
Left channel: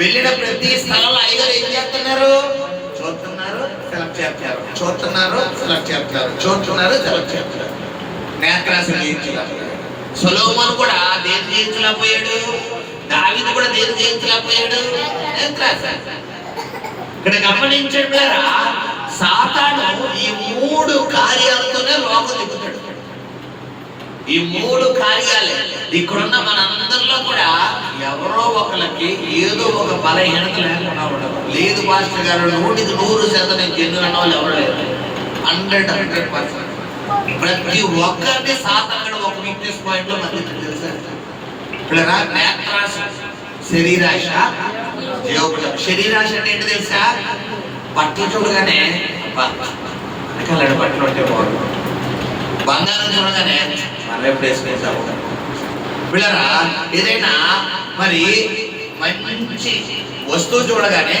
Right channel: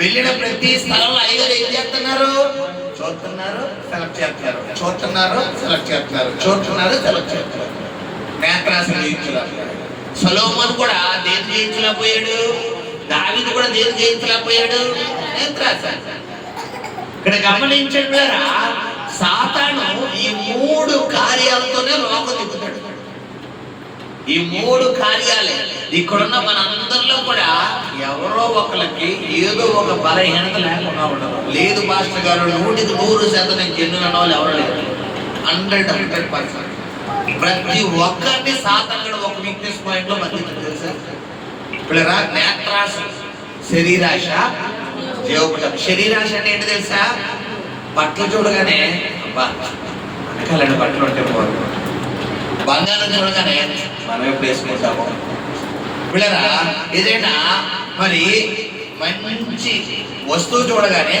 వెళ్ళిన ప్రతి స్థలంలో అయ్యగారు ఏం చేస్తున్నారు? చూస్తున్నారు, సెలెక్ట్ చేస్తున్నారు, చూస్తున్నారు, సెలెక్ట్ చేస్తున్నారు, చూస్తున్నారు, సెలెక్ట్ చేస్తున్నారు. నేత్రాశ జయించలేకపోయాడు. సొలొమోను కూడా దేని జయించలేకపోయాడు? దావీదు కూడా దేని జయించలేకపోయాడు? నేత్రాశ. ఇక్కడ గమనించండిరా, సాతాను ఈ 3 కార్యాలతోనే లోకం తిప్పుతాడు. ఈ 3 కార్యాలే ఇక్కడున్న మనందరిలో కూడా ఎవరో ఒకరికి ఏదో ఒక బలహీనత లేకుండా ఉండదు. లేదు పాస్టర్ గారు, 100% నేను జన్ను అన్న వాళ్ళు ఎవరు లేరు. 100%. ప్రతి ఒక్కరిని సాతాను ఒక వీక్నెస్ పాయింట్ లో మధ్య తెలుసా? ఇప్పుడు నేత్రాశ, శరీరాశ, జీవపటం. శరీరాశ అంటే ఏంటి తెలుసా? బట్టలు చూడగానే బట్టలు ఉంటే బాగుంది, బంగారం చూడగానే మనం ఎప్పుడు వేసుకుంటాము. పిల్లరా, ఏదైనా మరి మంచి వస్తువు చూడగానే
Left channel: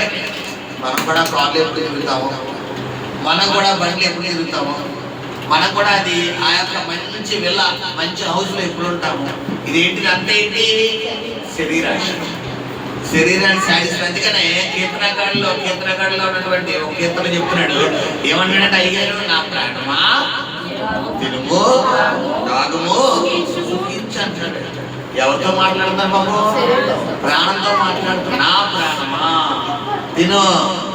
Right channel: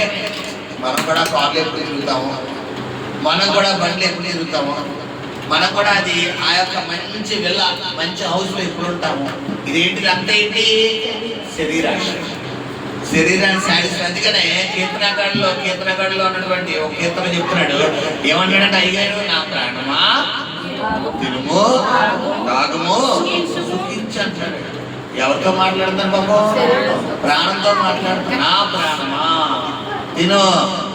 మనం కూడా కార్లు ఎప్పుడు తిరుగుతాము, మనం కూడా బండ్లు ఎప్పుడు తిరుగుతాము, మనం కూడా అది ఆ యొక్క మంచి విల్ల, మంచి హౌస్ లో ఎప్పుడు ఉంటాము. ఇదేంటిది? అంతే ఏంటి? శరీరాశ. శరీరాన్ని సాధిస్తుంది. అందుకనే కీర్తనకాండలో ఉన్నటువంటి ఒక కీర్తన చెప్తున్నాడు. ఏమన్నాడంటే, అయ్యారు నా ప్రాణమా తినుము, తాగుము, సుఖించు అంటాడు. ఎవరితో మాట్లాడుతున్నారు బాబు? ప్రాణంతో మాట్లాడుతున్నా. నా ప్రాణమా తిను,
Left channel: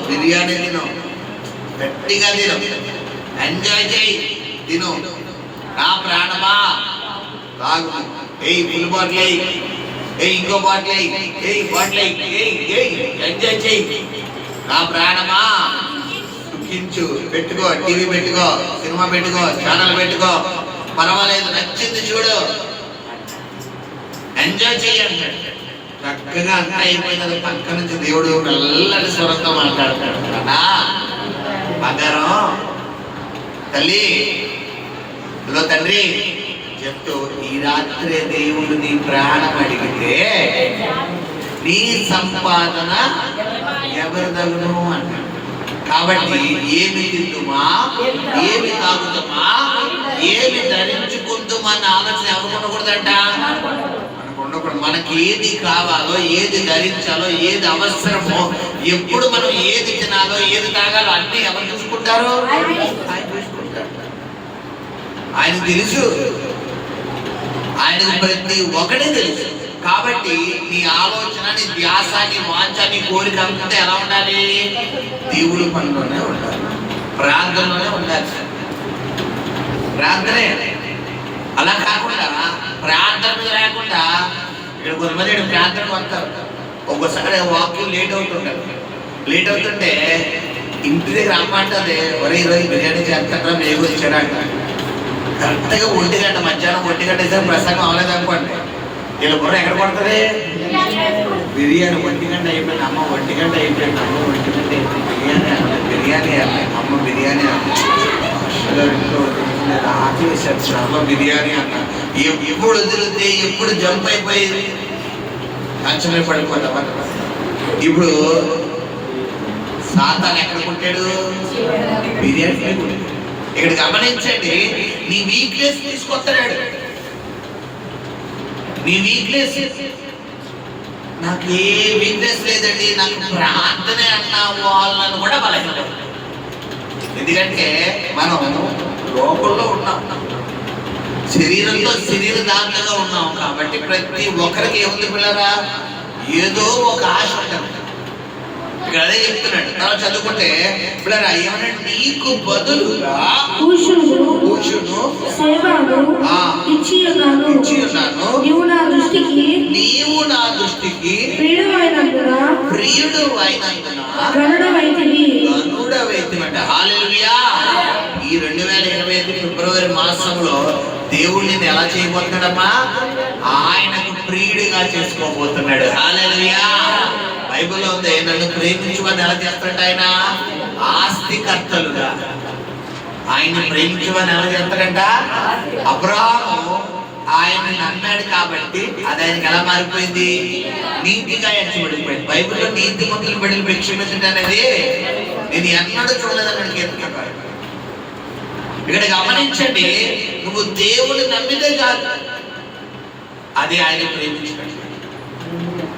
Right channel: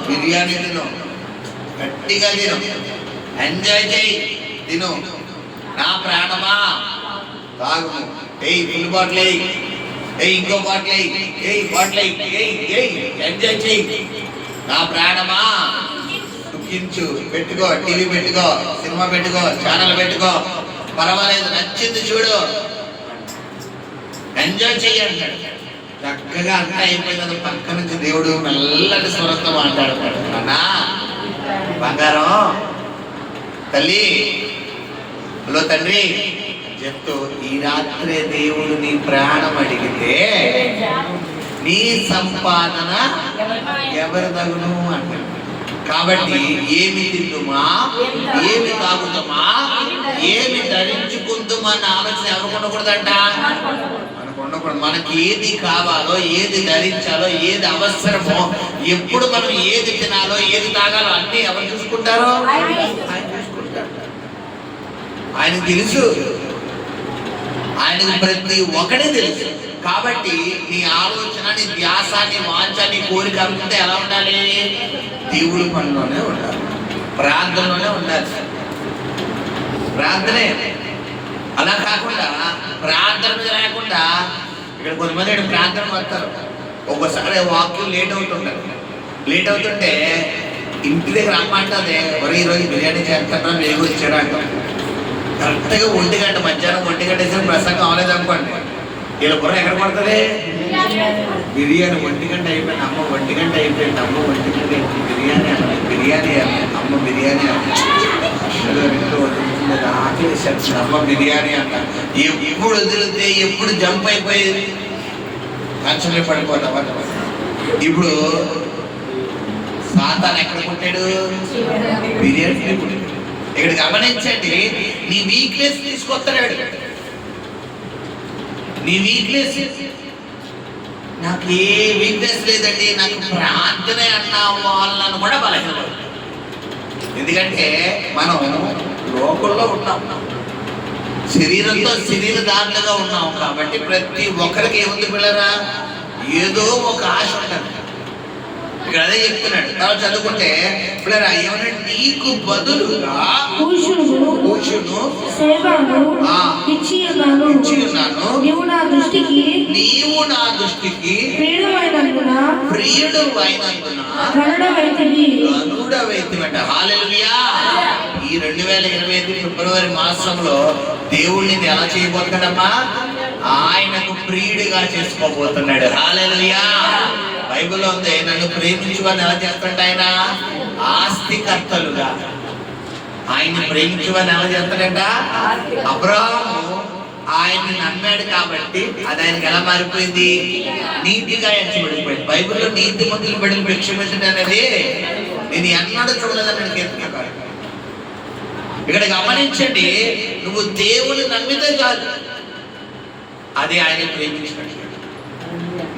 బిర్యానీ తిను, గట్టిగా తిను, ఎంజాయ్ చేయి, తిను. నా ప్రాణమా తాగుము, ఫుల్ బాటిల్ ఇంకో బాటిల్ బాటిల్ ఎంజాయ్ చేయి. నా ప్రాణమా సుఖించు, పెట్టుకో, టీవీ పెట్టుకో, సినిమా పెట్టుకో, ఛానల్ పెట్టుకో, పర్వాలేదు, నచ్చింది చూడు, ఎంజాయ్ చేయి అంటాడు. చక్కగా అంతా అయిపోయినది. పక్క నుంచి దేవుడు నల్లటి స్వరంతో మాట్లాడతాడు. నానా బంగారం, తల్లి, హలో తండ్రి చెప్తూ, ఈ రాత్రి దేవుడు నీ ప్రాణం అడిగితే నీ సంపాదన ఎవరి తగును అంటాడు. కాబట్టి ఏమి తిందుమా, ఏమి తాగుతామా, ఏమి ధరించుకుందుమా అన్న ఆలోచన ఎవరికి ఉండకూడదంట. మనకు ఉండకూడదు. మనకి ఏది కావాలో, ఏది ధరించాలో, ఏది అవసరమో, ఎప్పుడు మనం ఏది తినాలో, ఏది తాగాలో అన్ని ఎవరు చూసుకుంటారో? ఆయన చూసుకుంటారు. ఆయన తెలుసు, ఆయనకు ప్రతి ఒక్కడే తెలుసు. కాబట్టి నీ ఆలోచన, నీ ధ్యాస, నీ వాంఛ, నీ కోరిక అంతా ఎలా ఉండాలి? దేవుడి పనిలోనే ఉండాలి, ప్రార్థనలోనే ఉండాలి. ప్రార్థనే. అలా కాకుండా ప్రార్థన మీద లేకుండా ఇక్కడ కొంతమంది ప్రార్థనకు వస్తారు. ఒక్కోసారి వాక్యం లేట్ అవుతుంటే ఇంటి దగ్గర అమ్మ అంటుంది, ఒరే ఈరోజు బిర్యానీ చేస్తారా, మేకు వచ్చారా అంటారు. కరెక్ట్గా 1 గంట, మధ్యాహ్నం 1 గంట వేసారు, ప్రసంగం అవ్వలేదు అనుకోండి, వీళ్ళ బుర్ర ఎక్కడ పడుతుంది? బిర్యానీ 1 గంట అయిపోయింది, అమ్మ 1 గంట అయిపోయింది, అమ్మ 1 గంట అయిపోయింది, బిర్యానీ అమ్మ బిర్యానీ ఆకలేసారు, అమ్మ బిర్యానీ అన్న. ఎప్పుడు వదిలితే ఎప్పుడు జంప్ అయిపోయి కంచమే పడిపోతాం. ఇప్పుడు సాతాను ఎక్కడ పుట్టాడు? బిర్యానీ పుట్టాడు. ఇక్కడ గమనించండి, నీ వీక్నెస్ తీసుకొస్తాడు. నీ వీక్నెస్, నాకు ఏ వీక్నెస్ లేదండి, నాకు ప్రార్థనే అన్న వాళ్ళను కూడా బలహీనపడతాడు. ఎందుకంటే మనం లోకంలో ఉన్నాం, శరీరంతో శరీర దాంట్లుగా ఉన్నాం. కాబట్టి ప్రతి ఒక్కరికి ఏముంది పిల్లరా? ఏదో ఒక ఆశ ఉంటుంది. ఇక్కడ అదే చెప్తున్నాడు. తర్వాత చదువుకుంటే పిల్లరా ఏమన్నా, నీకు బదులుగా కూషును ఇచ్చి ఉన్నాను, నీవు నా నీవు నా దృష్టికి ప్రియుడైనందున గనుడవైతివంట. హల్లెలూయా. ఈ 2025 ఫిబ్రవరి మాసంలో దేవుడు నిన్ను ఎలా చేయబోతున్నాడమ్మా? ఆయనకు ప్రియుడిగా చేసుకోబోతున్నాడు. హల్లెలూయా. బైబిల్లో ఉంది, నన్ను ప్రేమించువని ఎలా చేస్తాడు ఆయన? ఆస్తికర్తలుగా. ఆయన్ని ప్రేమించువని ఎలా చేస్తాడంట? అబ్రాహాము ఆయన్ని నమ్మాడు కాబట్టి అది ఆయనకి ఎలా మారిపోయింది? నీతిగా ఎంచబడిపోయింది. బైబిల్లో నీతిమంతులు బిడ్డలు భిక్షమించడం అనేది నేను ఎన్నడూ చూడలేదని చెప్తున్నాను. ఇక్కడ గమనించండి, నువ్వు దేవుని నమ్మితే కాదు, అది ఆయన ప్రేమించినట్టు.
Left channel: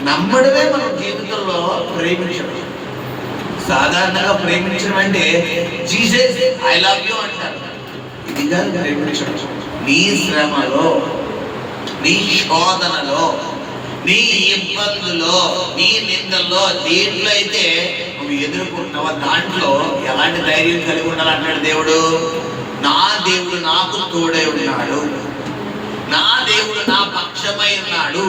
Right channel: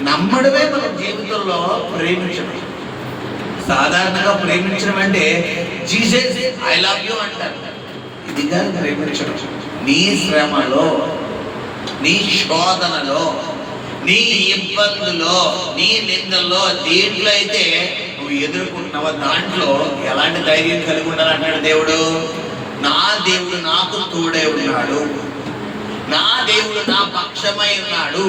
నమ్మడమే మనం జీవితంలో ప్రేమించడం. సాధారణంగా ప్రేమించడం అంటే జీసస్ ఐ లవ్ యూ అంటారు. ఇది కాదు ప్రేమించడం. నీ శ్రమలో, నీ శోధనలో, నీ ఇబ్బందులో, నీ నిందల్లో, దేంట్లో అయితే నువ్వు ఎదుర్కొంటున్నావో దాంట్లో ఎలాంటి ధైర్యం కలిగి ఉండాలంటాడు దేవుడు. నా దేవుడు నాకు తోడై ఉన్నాడు, నా దేవుడు నా పక్షమై ఉన్నాడు,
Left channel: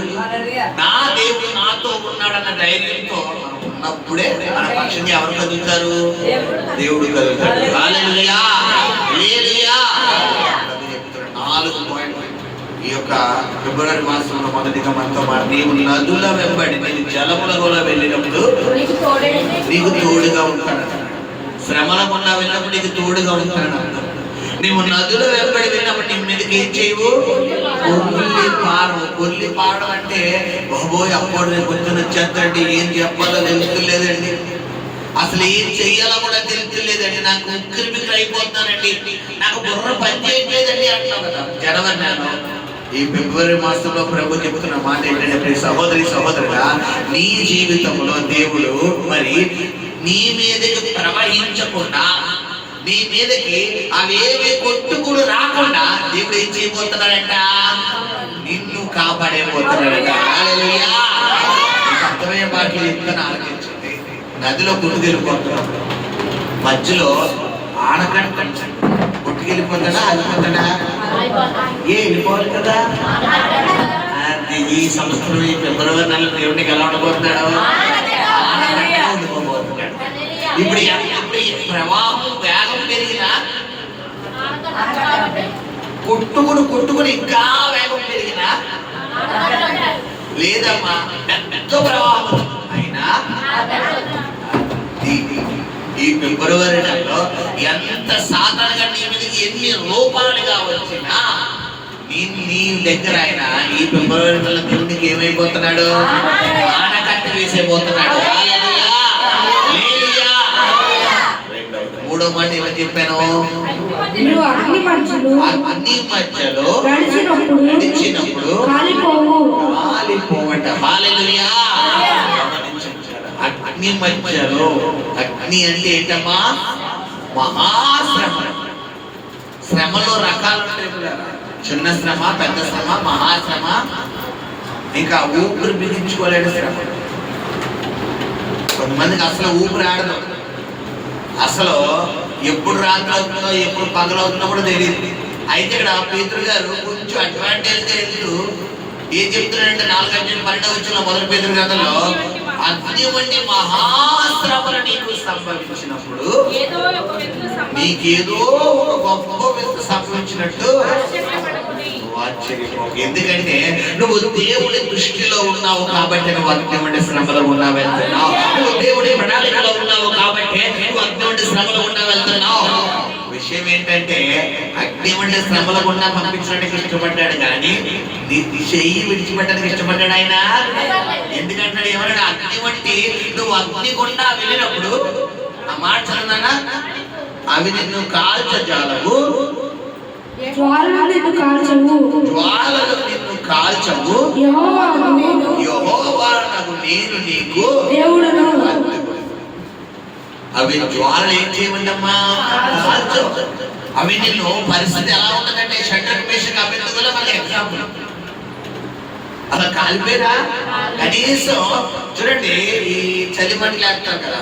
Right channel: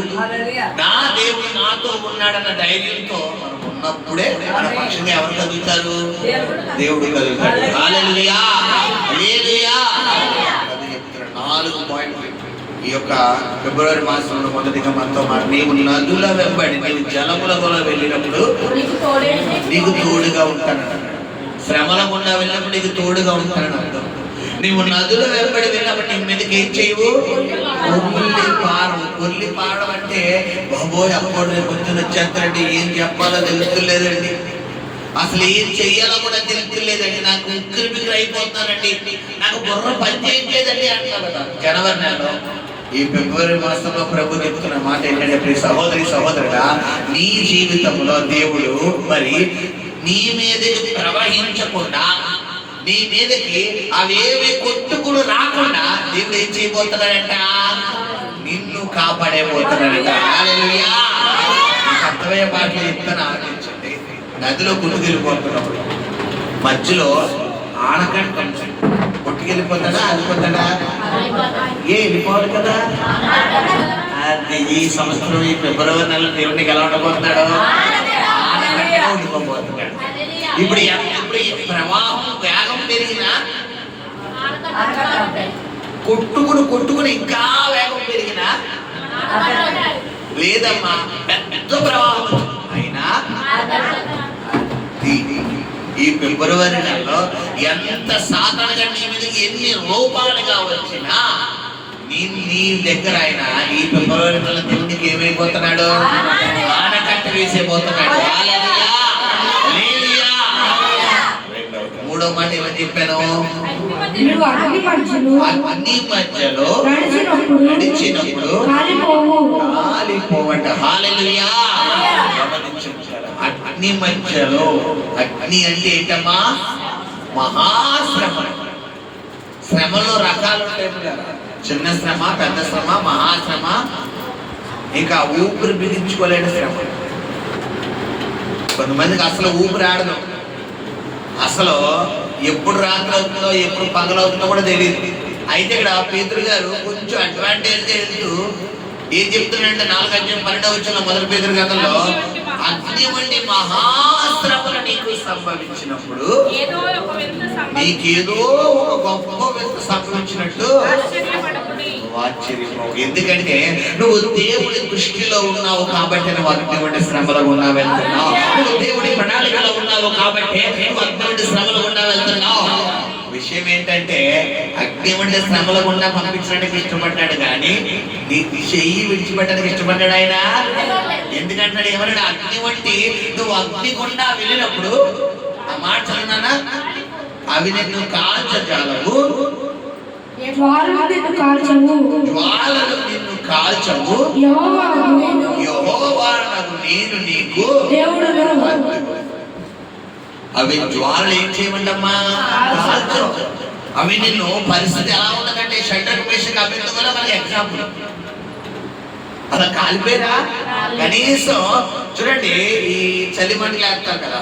నా దేవుడు నాతో ఉన్నాడన్న ధైర్యంతో మనం ఉన్నప్పుడే మన పక్షంగా ఎవరు కదులుతారు? దేవుడు కదులుతాడు. హల్లెలూయా, హల్లెలూయా. 4 పాయింట్లు ఈ యొక్క ఫిబ్రవరి మాసంలో మొదటిగా మనతో నీవు నదుల వెంబడి, నేను జలముల కూడా వెళ్ళినప్పుడు నీకు తోడుగా ఉంటానన్నాడు. శ్రమల గుండా వెళ్ళినప్పుడు నీకు తోడుగా ఉంటానని అర్థం. నీవు నదుల వెంబడి వెళ్ళినప్పుడు నీ మీదకి ఏం చేయవు? కొల్లి పాడడం అంటే బాబోయ్ అప్పుడు రేపు పొద్దున వచ్చేస్తారంటే ఏం చెప్పాలో తెలుసుకోలేదండి, అసలు ఏం చెయ్యాలో కూడా తెలుసుకోలేదండి, నాకు ఉక్కిరి బిక్కిరి అయిపోతున్నానండి, నాకు బుర్ర పని చేయట్లేదండి అంటావు కదా. జనవరి నెలలో ఈ ఫిబ్రవరి మాసంలో ప్రభు చెప్తున్న మాట ఏంటంటే, ప్రియ సహోదరి సహోదరుడా, నీ జీవితంలో దేవుడు మరి నీ మీదకి ప్రవహించకుండా, నీ మీదకి అవేవి కొట్టుకులు రాకుండా దేవుడు ఏం చేయబోతున్నాడంట? నిన్ను కాపాడేబోతున్నాడంట. హల్లెలూయా. అర్థమయ్యే మాటలు చెప్తాను, ఆలోచించండి. నదిలో కొట్టుకెళ్ళిపోతున్నప్పుడు మధ్యలో ఆనకట్ట కొట్టుకెళ్ళిపోతాడా? ఆగిపోతాడా? వెళ్ళిపోవాలి కదా. ఈ సంవత్సరం ఈ ఫిబ్రవరి నెలలో దేవుడికి ఎలా ఉండబోతున్నాడు? ఆనకట్టగా ఉండిపోబోతున్నాడు. ఇప్పుడు ఈ ప్రవాహం వేగం పెరిగినా, కొట్టుకుని ఇంకా వేగం పెరిగినా లేదమ్మా, పెద్ద ప్రవాహం అయినా ఈ ఫిబ్రవరి నెలలో ఎంత సాధారణంగా నీ మీదకి ఎన్ని రూపాలుగా వచ్చినా నీ దగ్గర ఆయన ఈ ఫిబ్రవరి నెలలో దేవుడికి ఏమైపోతున్నాడు? ఆనకట్ట వేసేపోతున్నాడు. మూడో మాట ఏమని చెప్పాను? అన్ని మధ్యలో నడిచినప్పుడు కాలిపోవట. హల్లెలూయా. అగ్ని మధ్యలో, అగ్ని అంటే ఏంటమ్మా? మహాశ్రమ. శ్రమలో రకాలు ఉంటాయి, చిన్న శ్రమ, పెద్ద శ్రమ, మహాశ్రమ, ఇంకా ఊపిరి బిగించుకోలేని శ్రమ. కొంతమందికి అసలు ఊపిరి ఆడదు, అసలు ఎప్పుడు రాత్రి అవుతుందో ఎప్పుడు పగలవుతుందో కూడా తెలియదు. అయితే ఇక్కడ పేతురు గారు కొంచెం అడ్వాంటేజ్ వెళ్తూ ఏం చెప్తున్నాడంటే 4:12 మొదటి పేతురు గ్రంథంలో, అగ్ని వంటి మహాశ్రమలు నీకు సంభవించినప్పుడు నీకేదో ఒక గొప్ప వింత సంభవించినట్టు ఆశ్చర్యపోకు. ఎందుకంటే నువ్వు దేవుడి దృష్టిలో ఉన్నావు కాబట్టి నువ్వు అగ్ని వంటి శ్రమలో ఉన్నా వెళ్తున్నావు. నువ్వు దేవుడి ప్రణాళికలో ఉన్నావు కాబట్టి నువ్వు అగ్ని వంటి శ్రమలో ఉన్నా వెళ్తున్నావు. విషయం ఏంటంటే, అగ్ని వంటి శ్రమల గుండా పంపించడానికి ఇష్టపడ్డాడు కానీ నీ చెయ్యి విడిచిపెట్టడానికి ఇష్టపడ్డాడు ఆయన. ఎందుకంటాడు? ఏమన్నా అగ్ని వంటి నువ్వు అగ్ని గుండా వెళ్ళినప్పుడు ఆ మాట చదువునా, అవి నిన్ను కాల్చజాలవు, జ్వాలలు నిన్ను కాల్చవు, యెహోవానగు నేను నీకు అవి జ్వాలలు ఏం చేయమంటమ్మా? కాల్చు. అవి నిన్ను పరిస్థితి ఎలా ఉంటుందంటే, షడ్రక్ మేషక్ అబేద్నెగోలో మనకి ఎగ్జాంపుల్. అలా కాలిపోయారా? కనీసం చూడండి, ఈ చలిమంటలు వేస్తారు కదా,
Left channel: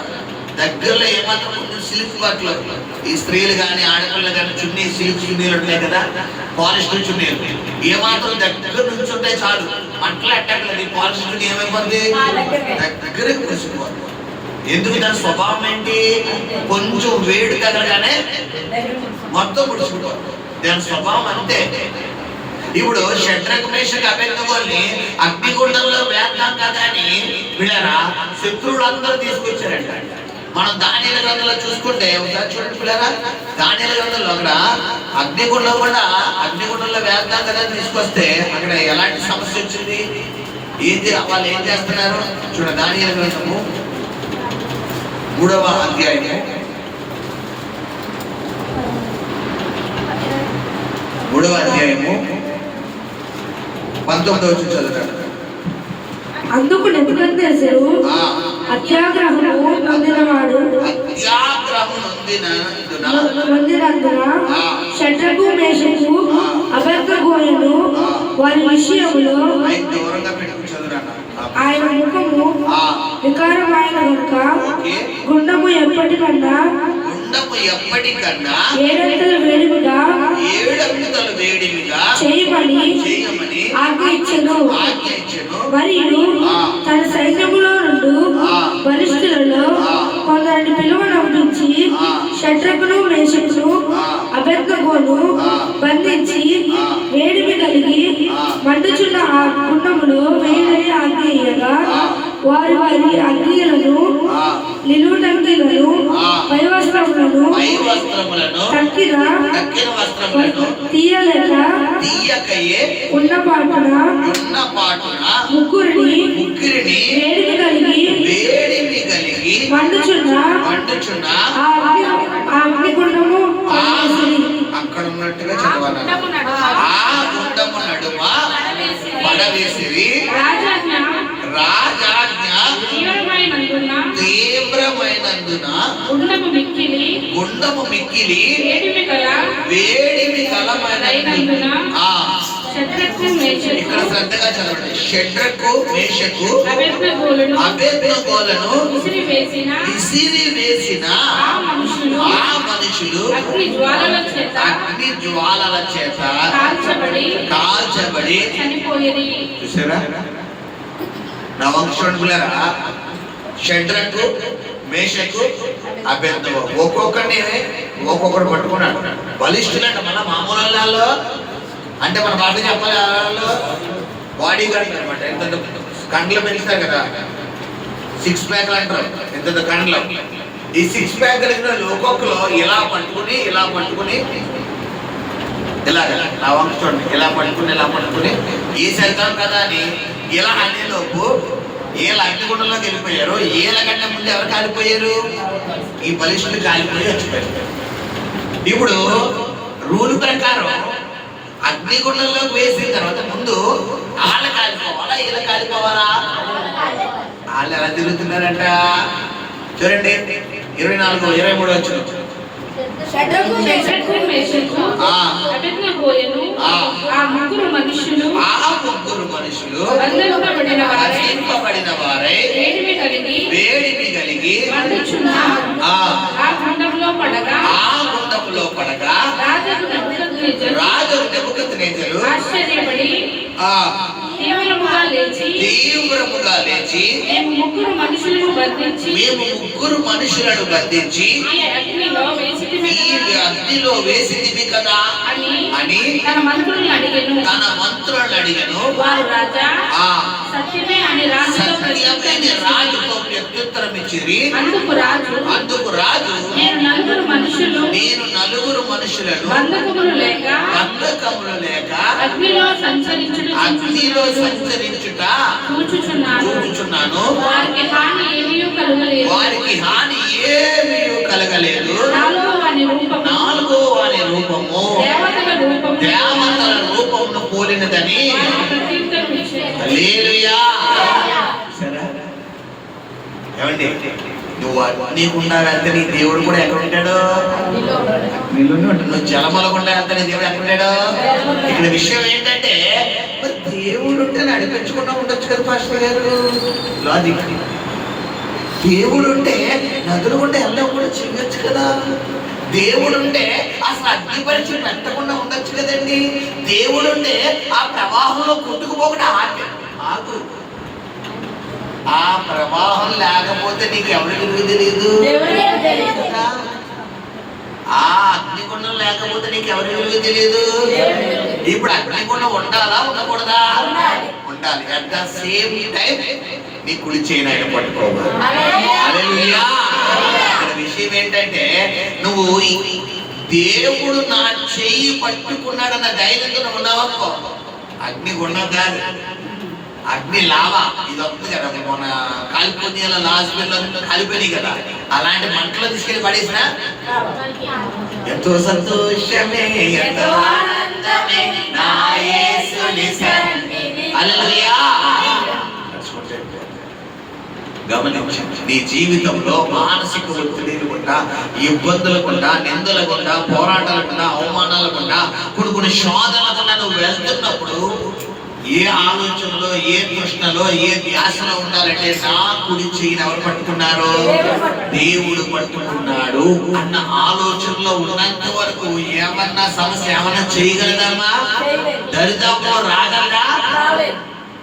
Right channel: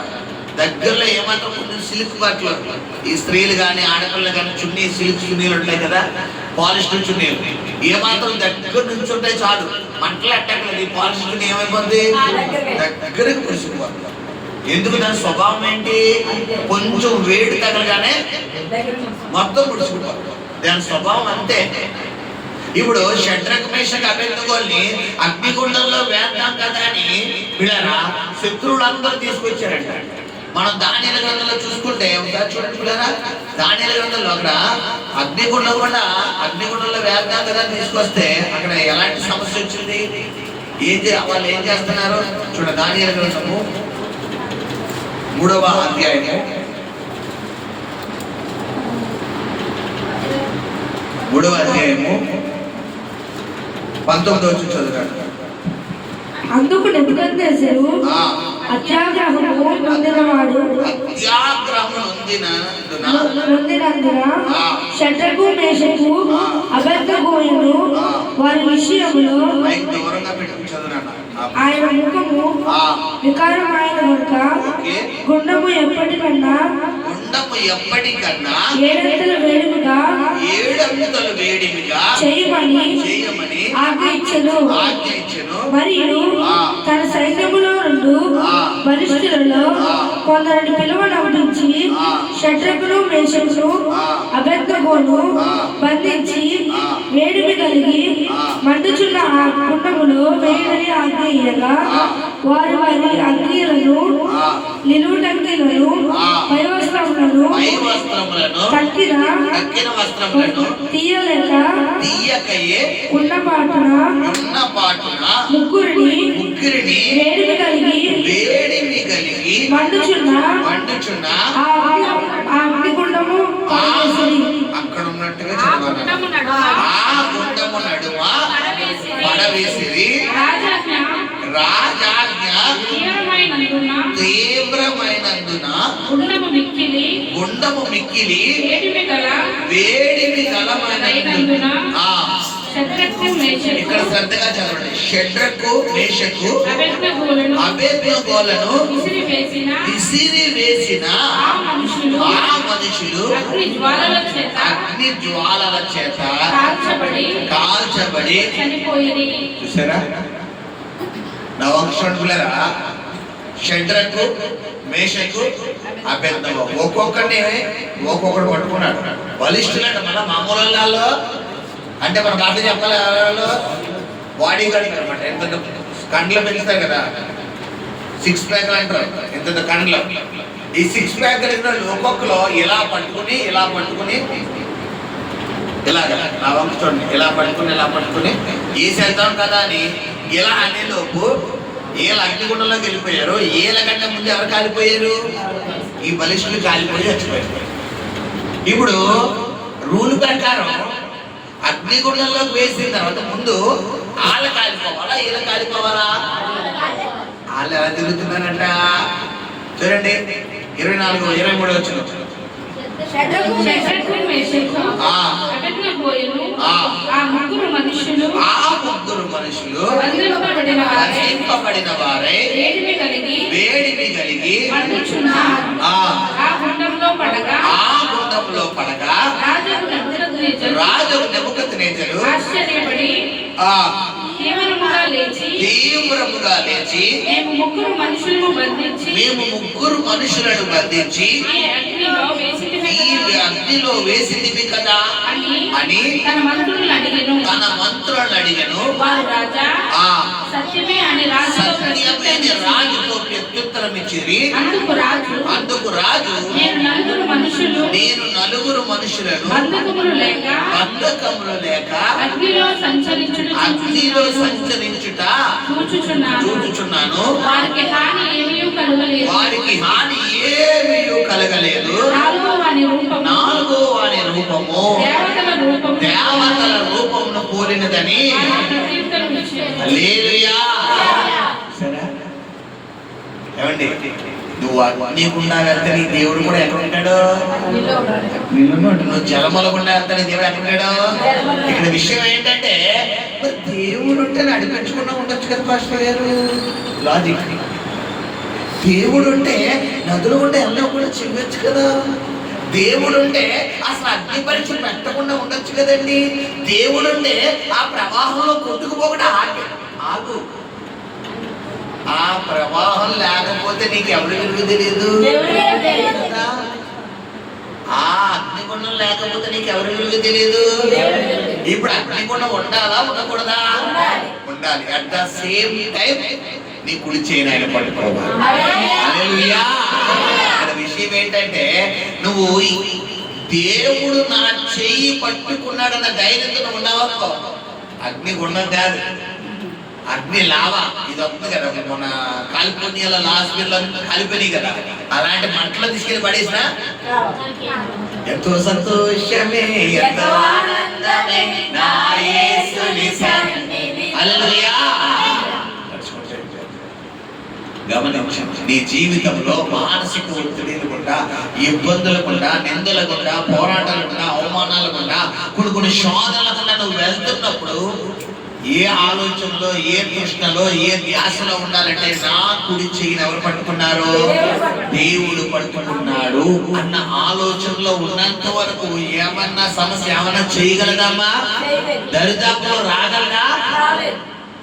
దగ్గరలో ఏమాత్రం కొంచెం సిల్క్ బట్టలు, ఈ స్త్రీలు కానీ ఆడపిల్లలు కానీ చున్నీ సిల్క్ చున్నీలు ఉంటాయి కదా, పాలిష్ నుంచుని ఏమాత్రం దగ్గర నుంచి ఉంటే చాలు మంటలు అట్టగలదు. ఈ పాలిష్ నుంచి ఏమైపోద్ది? దగ్గరకు పులిసిపోద్ది. ఎందుకు? దాని స్వభావం ఏంటి? కొంచెం వేడి తగలగానే మొత్తం పులిసిపోద్ది. దాని స్వభావం అంతే. ఇప్పుడు షడ్రక్ మేషక్ అబేద్నెగోల్ని అగ్నిగుండంలో వేద్దాం కదా అని వీళ్ళరా శత్రువులందరూ తీసుకొచ్చారంట. మనం దానియేలు గ్రంథంలో చూసుకుంటే ఒకసారి చూడండి పిల్లరా, దానియేలు గ్రంథంలో అక్కడ అగ్నిగుండంలో వేద్దాం కదా అని తీసుకొస్తే అక్కడ ఎలాంటి సమస్య వచ్చింది? వాళ్ళు ఏం చేస్తున్నారు చూడండి. దానియేలు గ్రంథము 3వ అధ్యాయము 19వ వచనం చదువుతాడు. అందుకు నెబుకద్నెజరు అత్యాగ్రహము నొందినవాడు నొందినందున షడ్రకు మేషకు అబేద్నెగోలను వారి విషయంలో ఆయన ముఖము వికారమైన కనుక గుండము ఎప్పటికన్నా ఏడంతల వేడిమిగా చేయమని ఆజ్ఞయించెను. మరియు తన సైన్యములో నుండి బలిష్ఠులలో కొందరిని పిలువనంపించి షడ్రకును మేషకును అబేద్నెగోను బంధించి వేడిమి కలిగి మండుచున్న ఆ గుండములో వేయని ఆజ్ఞేయగా వారి అగ్నిలను నిలువుటంగిలను పైవస్త్రములను తక్కిన తీయకయే ఉన్నపాటున ముగ్గురిని వేడిమి కలిగి మండుచున్న ఆ అగ్నిగుండము అక్కడ ఉన్నట్టుగా చదవాలి. ఆ గుండము నడుమ పడవేసిరి. రాజాజ్ఞ తీవ్రమైనందున గుండము మిక్కిలి వేడిమి కలమైనందున. ఇక్కడ శ్రద్ధగా చదవండి. షడ్రకు మేషకు అబేద్నెగోలను విసిరివేసిన ఆ మనుషులు అగ్ని జ్వాలల చేత కాల్చబడి చూసారా? నా వంశంలో షడ్రకు మేషకు అబేద్నెగో ఒక్కొక్కరిని ఒక్కొక్కరు పట్టుకున్నాడు. బలిష్ఠులంట. మన మామూలు వాళ్ళు అంటే మన మాట చెప్పాలి. బాడీ గార్డ్ అనమాట. ఎంత కండ్లు పెంచుతారు కదా, 6 ప్యాక్ అంటారు. ఎంత కండ్లు. ఈ 6 ప్యాక్ కలిగిన ఒక్కొక్కరు ఇలా పట్టుకుని ఇలాగ నా వంక చూడండి, ఇలా పట్టుకుని ఈసి వెళ్తాం కదా అని ఇలా అనేలోపు ఏళ్ళ అగ్నిగుండంలోకి వెళ్ళిపోయారు. ఏళ్ళ గంట ముందు ఎవరు కాలిపోయారు? ఈ బలిష్ఠులు కాలిపోయి వచ్చిపోయారు. ఇప్పుడు రూల్ ప్రకారం అగ్నిగుండంలోకి వేసిన తర్వాత ముందు వాళ్ళ కాలిపోవాలా వీళ్ళ కాలిపోవాలా? వాళ్ళు ఎలా తిరుగుతున్నారంట చూడండి. 24, 23 వచ్చిన ఆ ముగ్గురు మనుషులు బంధింపబడిన వారై వేడిమి కలిగి ఆ గుండంలో పడగా రాజు నెబుకద్నెజరు తీవ్రముగా లేచి మేము ముగ్గురు మనుషులను బంధించి ఈ అగ్నిలో వేసింది కదా అని తన మంత్రులను అడిగను. సత్యమే రాజుతో ప్రత్యుత్తరం ఇచ్చిరి. అందుకు రాజు నేను నలుగురు మనుషులను బంధకములు లేక అగ్నిలో సంచరించుట చూచుచున్నాను. వారికి హాని ఏమీ కలగలేదు. 4వ వాని రూపము దేవతల రూపమును పోలినదని. హల్లెలూయా. ఏమండి, నువ్వు నీకున్నా వెళ్తే నీ దేవుడు కూడా ఎక్కడ ఉంటాడు? నువ్వు జలమలకుండా వెళ్తే నీ దేవుడు ఎక్కడ ఉంటాడు? ఇక్కడ విషయం ఏంటంటే దేవుడు ఉంటే నడిపించకుండా ఉండొచ్చు కదా పాస్టర్ గారు. లాజిక్. దేవుడు ఉంటే నదులు ఉంటే ఎలా కూడా చెయ్యొచ్చు కదా. దేవుడుంటే అసలు అగ్ని పరీక్ష పెట్టకుండా ఉండొచ్చు కదండి. దేవుడుంటే ఆ ప్రవాహంలో కొట్టుకుపోకుండా ఆగు. ఆ ప్రవాహం లేకపోతే నీకు ఎవరు విలువ తెలియదు. ఆ అగ్నిగుండం లేకపోతే నీకు ఎవరు విలువ తెలియదు. ఇప్పుడు అగ్నిగుండం ఉండాలా ఉండకూడదా? ఉండాలి. అట్ ద సేమ్ టైం నీ కుడి చేయని ఆయన పట్టుకోవాలి. హల్లెలూయా. ఇక్కడ విషయం ఏంటంటే నువ్వు దేవుడు నా చెయ్యి పట్టుకున్నాడన్న ధైర్యంతో నువ్వు ఉన్నావనుకో, అగ్నిగుండం కాదు, అగ్ని లావా ఇది వస్తుంది కదా. మన కాలిపోయిన లాస్ట్ బిల్లు కాలిపోయినాయి కదా, అలాంటి మంటలో తీసుకెళ్లి పడేసిన ఎంతో సంతోషమే, ఎంతో ఆనందమే నా యేసుని సన్నిధిలో. హల్లెలూయా. గమనించు, నీ జీవితంలో మానసిక ఒత్తిడి లేకుండా, ఇబ్బందులు కూడా, నిందలు కూడా, పోరాటాలు కూడా, అవమానాలు కూడా, కొన్ని శోధనలు కూడా నువ్వు వెళ్తున్నప్పుడు ఏ ఆలోచనలో, ఏ ప్రశ్నలో, ఏ ధ్యాసలో ఉండాలంటే నా కుడి చెయ్యిని ఎవరు పట్టుకున్నారు? దేవుడు పట్టుకున్నాడు అన్న ఆలోచనలో ఉన్నంత వరకు ఏమన్నా సమస్య ఏమన్నా చేయగలదమ్మా? దరిదాపులో రాగలదా?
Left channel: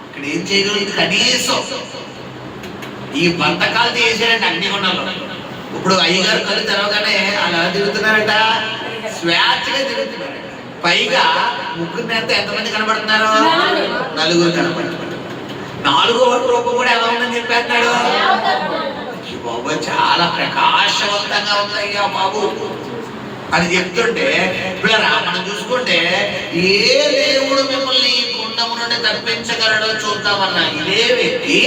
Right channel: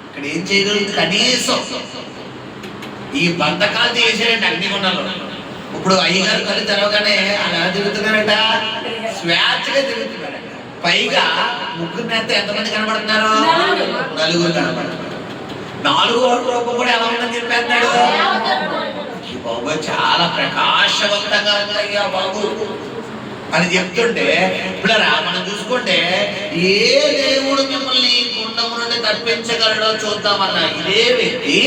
ఇక్కడ ఏం చేయగలదు? కనీసం ఈ బంధకాలు చేసారంటే అగ్నిగుండంలో. ఇప్పుడు అయ్యగారు కళ్ళు తెరవగానే అలా తిరుగుతున్నారట, స్వేచ్ఛగా తిరుగుతున్నారట. పైగా ముగ్గురు నేత ఎంతమంది కనబడుతున్నారు? నలుగురు కనబడుతున్నారు. 4వ రూపం కూడా ఎలా ఉందని చెప్పేస్తున్నాడు బాబు. చాలా ప్రకాశవంతంగా ఉందయ్యా బాబు అని చెప్తుంటే, ఇప్పుడు మనం చూసుకుంటే ఏ దేవుడు మిమ్మల్ని గుండము నుండి తప్పించగలడో చూద్దామన్న ఇదే వ్యక్తి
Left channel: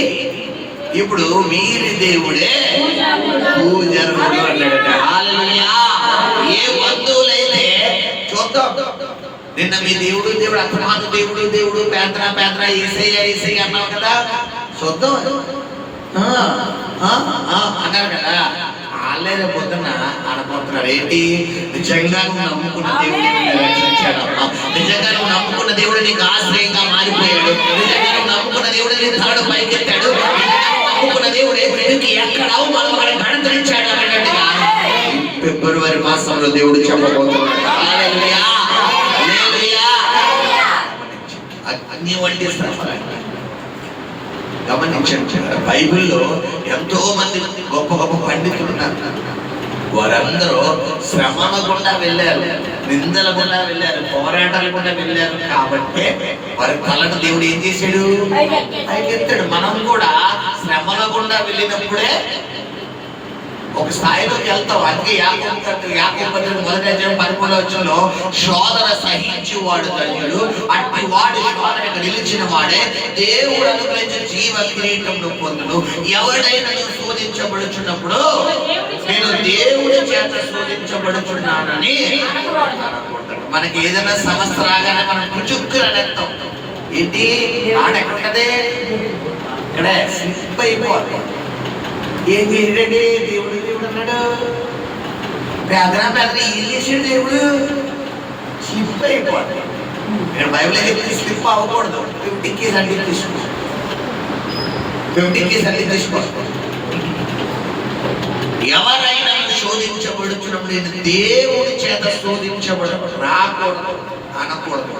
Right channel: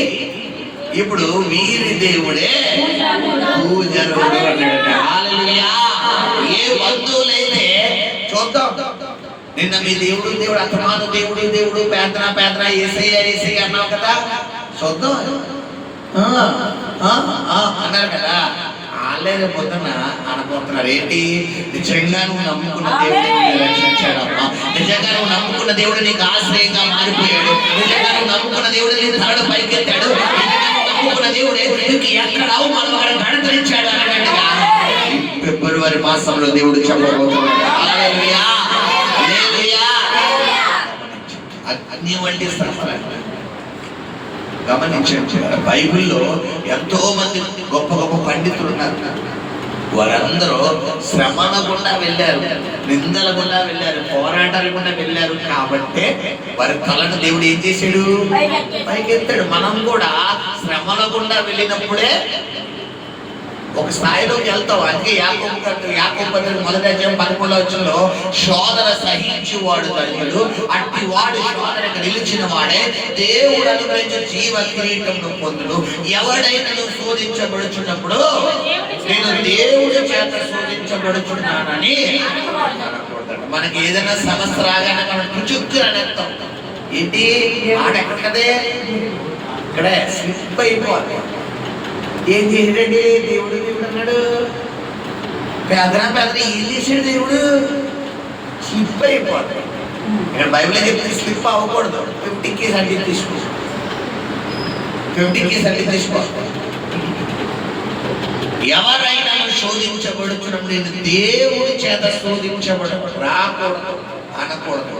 ఇప్పుడు వీరి దేవుడే పూజారుడు అన్నాడట. హల్లెలూయా. ఏ బంధువులైతే చూద్దాం, నిన్న మీ దేవుడు అక్రమాను దేవుడు పేదన ఏసయ్య అన్నావు కదా, చూద్దాం అన్నారు కదా. వాళ్ళేదో పొద్దున ఆడపోతున్నారు ఏంటి? నిజంగా నువ్వు నమ్ముకున్న దేవుడు రక్షించాడమ్మా, నిజంగా నువ్వు నమ్ముకున్న దేవుడు నీకు ఆశ్రయంగా మారిపోయాడు, నిజంగా నువ్వు నమ్ముకున్న దేవుడు నీ తలడు పైకెత్తాడు, నమ్ముకున్న దేవుడే నీకు ఎక్కడ అవమానం గణతరించాడు అన్నట్టుగా ఫిబ్రవరి మాసంలో దేవుడు చెప్పబోతున్నాడు. హల్లెలూయా. హల్లెలూయా. అగ్ని వంటి శ్రమ గమనించండి. బైబిల్లో ఎంతో మంది గొప్ప గొప్ప పండితులు ఉన్నారు. వారందరూ శ్రమల గుండా వెళ్ళారు, నిందల గుండా వెళ్ళారు, పోరాటాల గుండా వెళ్ళారు. కాబట్టి వారి కళను దేవుడు ఏం చేశాడు? పైకెత్తాడు. మనం కూడా శ్రమల గుండా వెళ్ళినప్పుడే ఒక స్థాయిలోకి వెళ్తావు. అందుకే యాకోబు పత్రిక 1:11 శోధన సహించువాడు ధన్యుడు, అట్టి వాడు శోధనకు నిలిచిన వాడే దేవుడు అనుగ్రహించిన జీవ కిరీటంలో పొందును. ఎవడైనా శోధించబడుచున్నప్పుడు నేను దేవుడి చేత శోధించబడుచున్నానని అనుకుంటాను. మనకి ఏదైనా సమస్య రాగానే మనం పుచుక్కుని అనేస్తాం. ఏంటి ఆడ ఎక్కడదే ఇక్కడే స్లిప్ అయిపోవాలి. ఏం చేసాడండి? దేవుడు అన్నాడు. పేదన ఏం చేసాడు? దేవుడు స్లిప్ అయిపోతుంది. ఇక్కడ బైబిల్ చెప్తే స్లిప్ అవ్వకూడదు. 50 కేసు అంటే తీసుకో, 50 కేసు అంటే తీసుకో. ఎవరైనా శోధించబడుచున్నప్పుడు నేను దేవుడి చేత శోధించబడకూడదు, రాకూడదు అనకూడదు.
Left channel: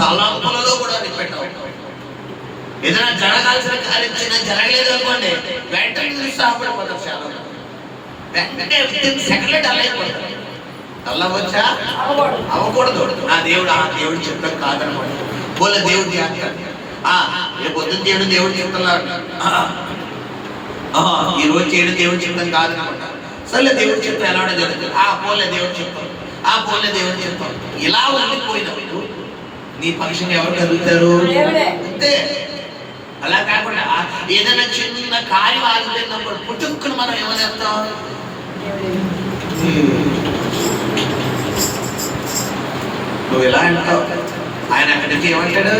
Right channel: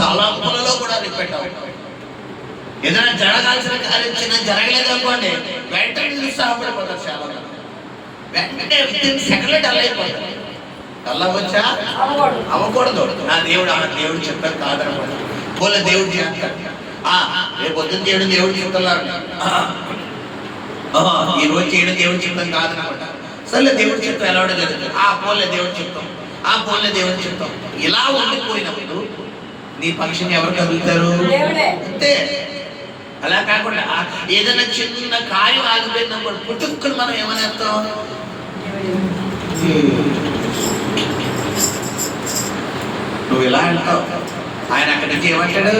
తలంపులలో కూడా రిపీట్ అవ్వకూడదు. ఏదైనా జరగాల్సిన కార్యం చిన్న జరగలేదు అనుకోండి, వెంటనే నిరుత్సాహపడిపోతారు. చాలా వెంటనే సెకండ్ అలా అయిపోతారు. అలా వచ్చా అవ్వకూడదు. నా దేవుడు చెప్తాను కాదనమాట. పోలే దేవుడు చేస్తాడు. రేపు పొద్దున్న చేయడం దేవుడు చెప్తున్నాడు, ఈ రోజు చేయడం దేవుడు చెప్తాం కాదనమాట. సరే దేవుడు చెప్తాం ఎలా జరుగుతుంది. పోలే దేవుడు చెప్తాం, పోలే దేవుడు చెప్తాం. ఇలా ఉండిపోయినప్పుడు నీ పక్షిని ఎవరు కలుగుతారు? అంతే. అలా కాకుండా ఏదైనా చిన్న కార్యం ఆగిపోయినప్పుడు పుట్టుకుని మనం ఏమనేస్తాం? నువ్వు ఇలా అంటావు. ఆయన అక్కడి నుంచి ఏమంటాడు?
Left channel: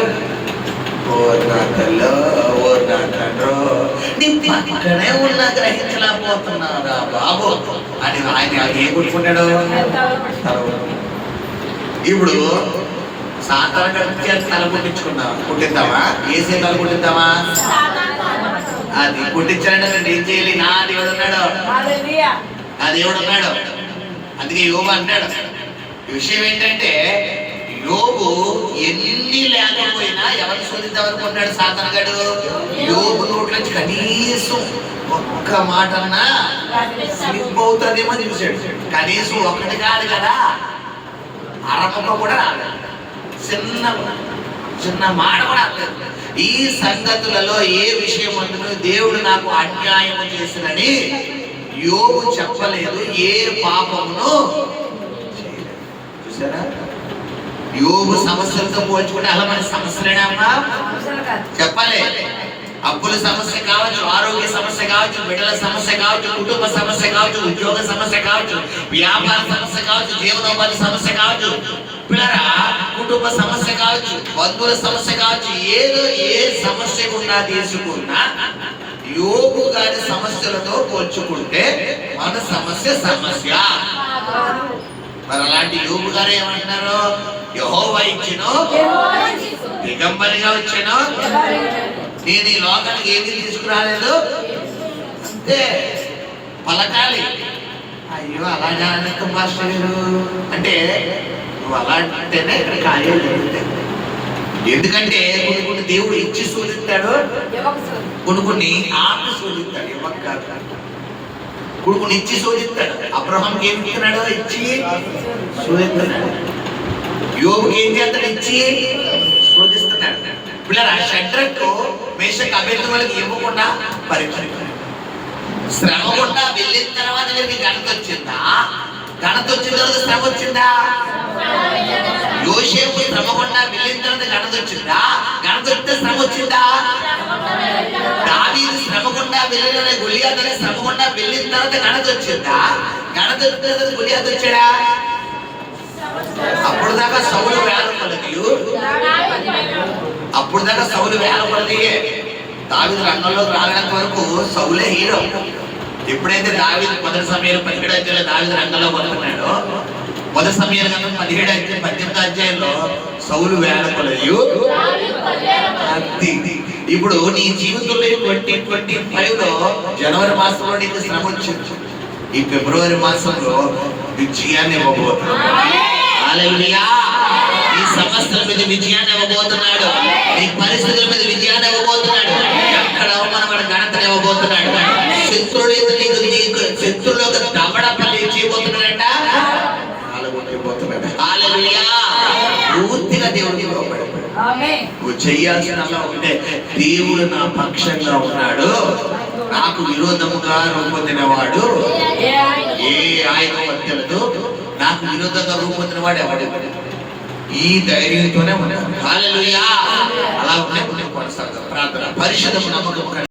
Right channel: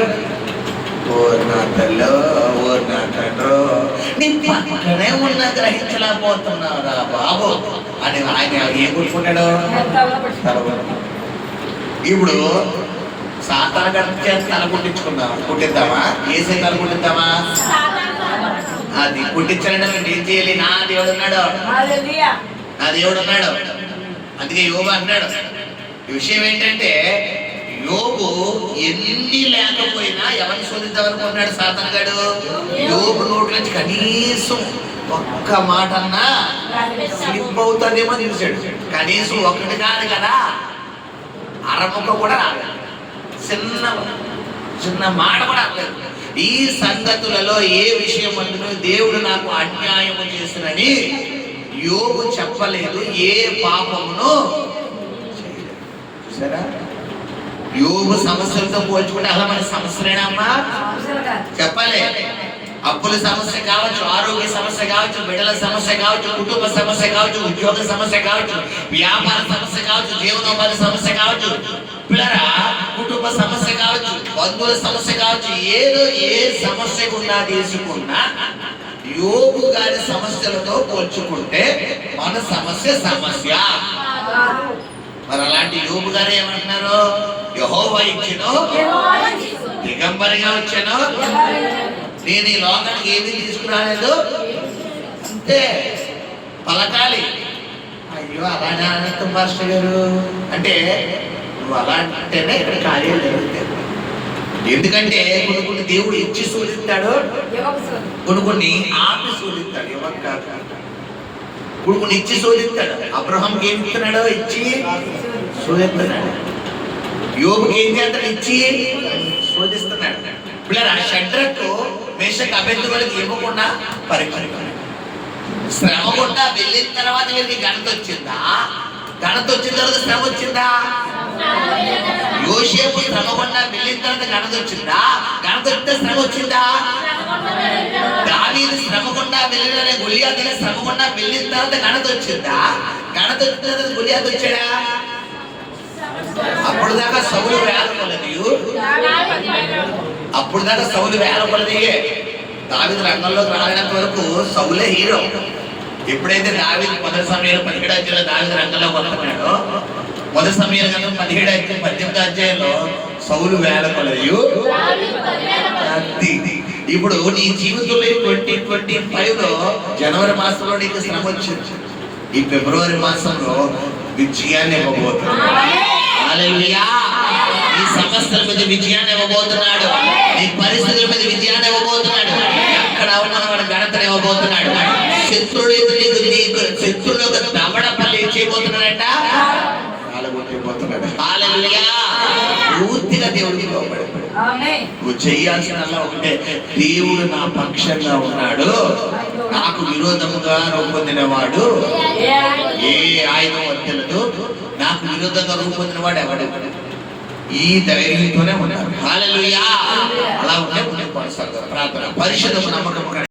నీ పక్కనే ఉన్న గ్రహించలేకపోతున్నారా బాబు అని ఆయన ఏం కొట్టుకుంటాడు? ఇప్పుడు సాతాను గడిచే తల కుట్టిద్దామా? ఏసే తల కుట్టిద్దామా? అది కుట్టించాలంటే ఏం చేయాలి? నా దేవుడు ఉన్నాడు. అందుకే యోబు అంటాడు. ఈ విషయం ఏంటంటే యోబు ఎన్ని లేకపోయినా ఎవరిని శోధిద్దామనుకున్నాడు సాతాను గాడు? యోబు నోట్ల నుంచి కనీసం ఒక్క మాట అన్నా స్లిప్ అవుతుందేమో చూశాడు. కనీసం ఒకటి కాదు కదా, అరముక్క కూడా రాలేదు, చిన్న చిన్న మాట కూడా రాలేదు. ఈ సంగతులలో ఏ విషయం అందులో దేవుడు నాకు అన్యాయము చేసినని యోబు చెప్పలేదు, ఏ పాపమును చేయలేదు. చూసారా, యోబు సమస్యలతో పోల్చుకుంటే అలా మన సమస్యలేనా అమ్మా? చెప్పాలి. అప్పుల సమస్య కావచ్చు, ఆరోగ్య సమస్య కావచ్చు, బిడ్డల సమస్య కావచ్చు, కుటుంబ సమస్య కావచ్చు, ఉద్యోగ సమస్య కావచ్చు, వ్యాపార సమస్య కావచ్చు, జీవనోపాధి సమస్య కావచ్చు, పిల్లరా కుటుంబ సమస్య కావచ్చు, బంధువుల సమస్య కావచ్చు, ఏదో ఏ సమస్య ఉన్నా తీసుకున్నా యోబు గారి సమస్యలతో పోల్చుకుంటే మన సమస్య సమస్య. మరి అలాంటి యోబు గారు ఏమంటున్నారు? యెహోవా ఇచ్చెను, దిగంబరిగా వచ్చాను, నేను ఈ లోకానికి ఏది తీసుకురాలేదు, అంతే పలకాలి. అయ్యో అలానే అనంతం మాస్టర్ గారు అంటే నువ్వు అలా అంటేనే ఇక్కడ కార్యాలు జరుగుతాయి. ఎందుకంటే కొన్ని కొన్ని దేవుడు ఇచ్చి శోధిస్తాడు, కొన్ని ఆపి శోధిస్తాడు. ఇవ్వక కాదు, కొన్ని ఇచ్చి శోధిస్తాడు. అబ్రహాంకి ఏం ఇస్తున్నాడో ఇచ్చి శోధిస్తున్నాడు, యోబుకి ఏం చేస్తాడు? ఇచ్చి శోధిస్తున్నాడు. పిల్లరా షడ్రకు మేషకు అబేద్నెగోలకు ఇవ్వకుండా పరీక్ష, శ్రమ కూడా వెళ్ళిన తర్వాత వీరికి ఘనత వచ్చిందా? ఘనత వచ్చిన తర్వాత శ్రమ వచ్చిందా? యోసేపు శ్రమ కూడా వెళ్ళిన తర్వాత ఘనత వచ్చిందా? ఘనత వస్తే శ్రమ వచ్చిందా? దావీదు శ్రమ కూడా వెళ్ళిన గొలియాతు శ్రమ కూడా వెళ్ళిన తర్వాత ఘనత వచ్చిందా? ఘనత వచ్చిన తర్వాత గొలియాతు వచ్చాడా? అప్పుడు దాకా సౌలు వేలపడది, అప్పుడు దాకా సౌలు వేలపడది. దావీదు రంగంలోకి రాలేనంత వరకు సౌలే హీరో. ఎప్పుడైతే దావీదు మొదటి సమయంలో 17 అధ్యాయంలో దావీదు రంగంలోకి వస్తున్నాడో, మొదటి సమయంలో 17 అధ్యాయం 18 అధ్యాయంలో సౌలు వేలపడది. ఇప్పుడు నీ జీవితంలో 2025లో జనవరి మాసంలో నీకు శ్రమ వచ్చింది, ఈ ఫిబ్రవరి మాసంలో విజయాన్ని ఇవ్వబోతున్నాడు. హల్లెలూయా. ఈ సమస్యల మీద విజయాన్ని ఇవ్వబోతున్నాడు, ఈ పరిస్థితుల మీద విజయాన్ని ఇవ్వబోతున్నాడు, ఎక్కడ అవమానమైన ఘనతను ఇవ్వబోతున్నాడు. శత్రువులకు దమడ పని చేయబోతున్నాడంట. హల్లెలూయా. పూర్తిగా దేవుడికి లోబడి నువ్వు చేయాల్సిందల్లా ఒకటే, దేవుడు నా పక్షంగా ఉన్నాడు, నాకు విరోధముగా రూపొందినవాడు ఏ ఆయుధం వర్తిల్లదు, నాకు విరోధంగా రూపొందినవాడు ఎవడు? ఈ ధైర్యంతోనే ఉన్నాడు. హల్లెలూయా. అలా ఉంటే ప్రార్థన పరిశుద్ధము నమ్మకం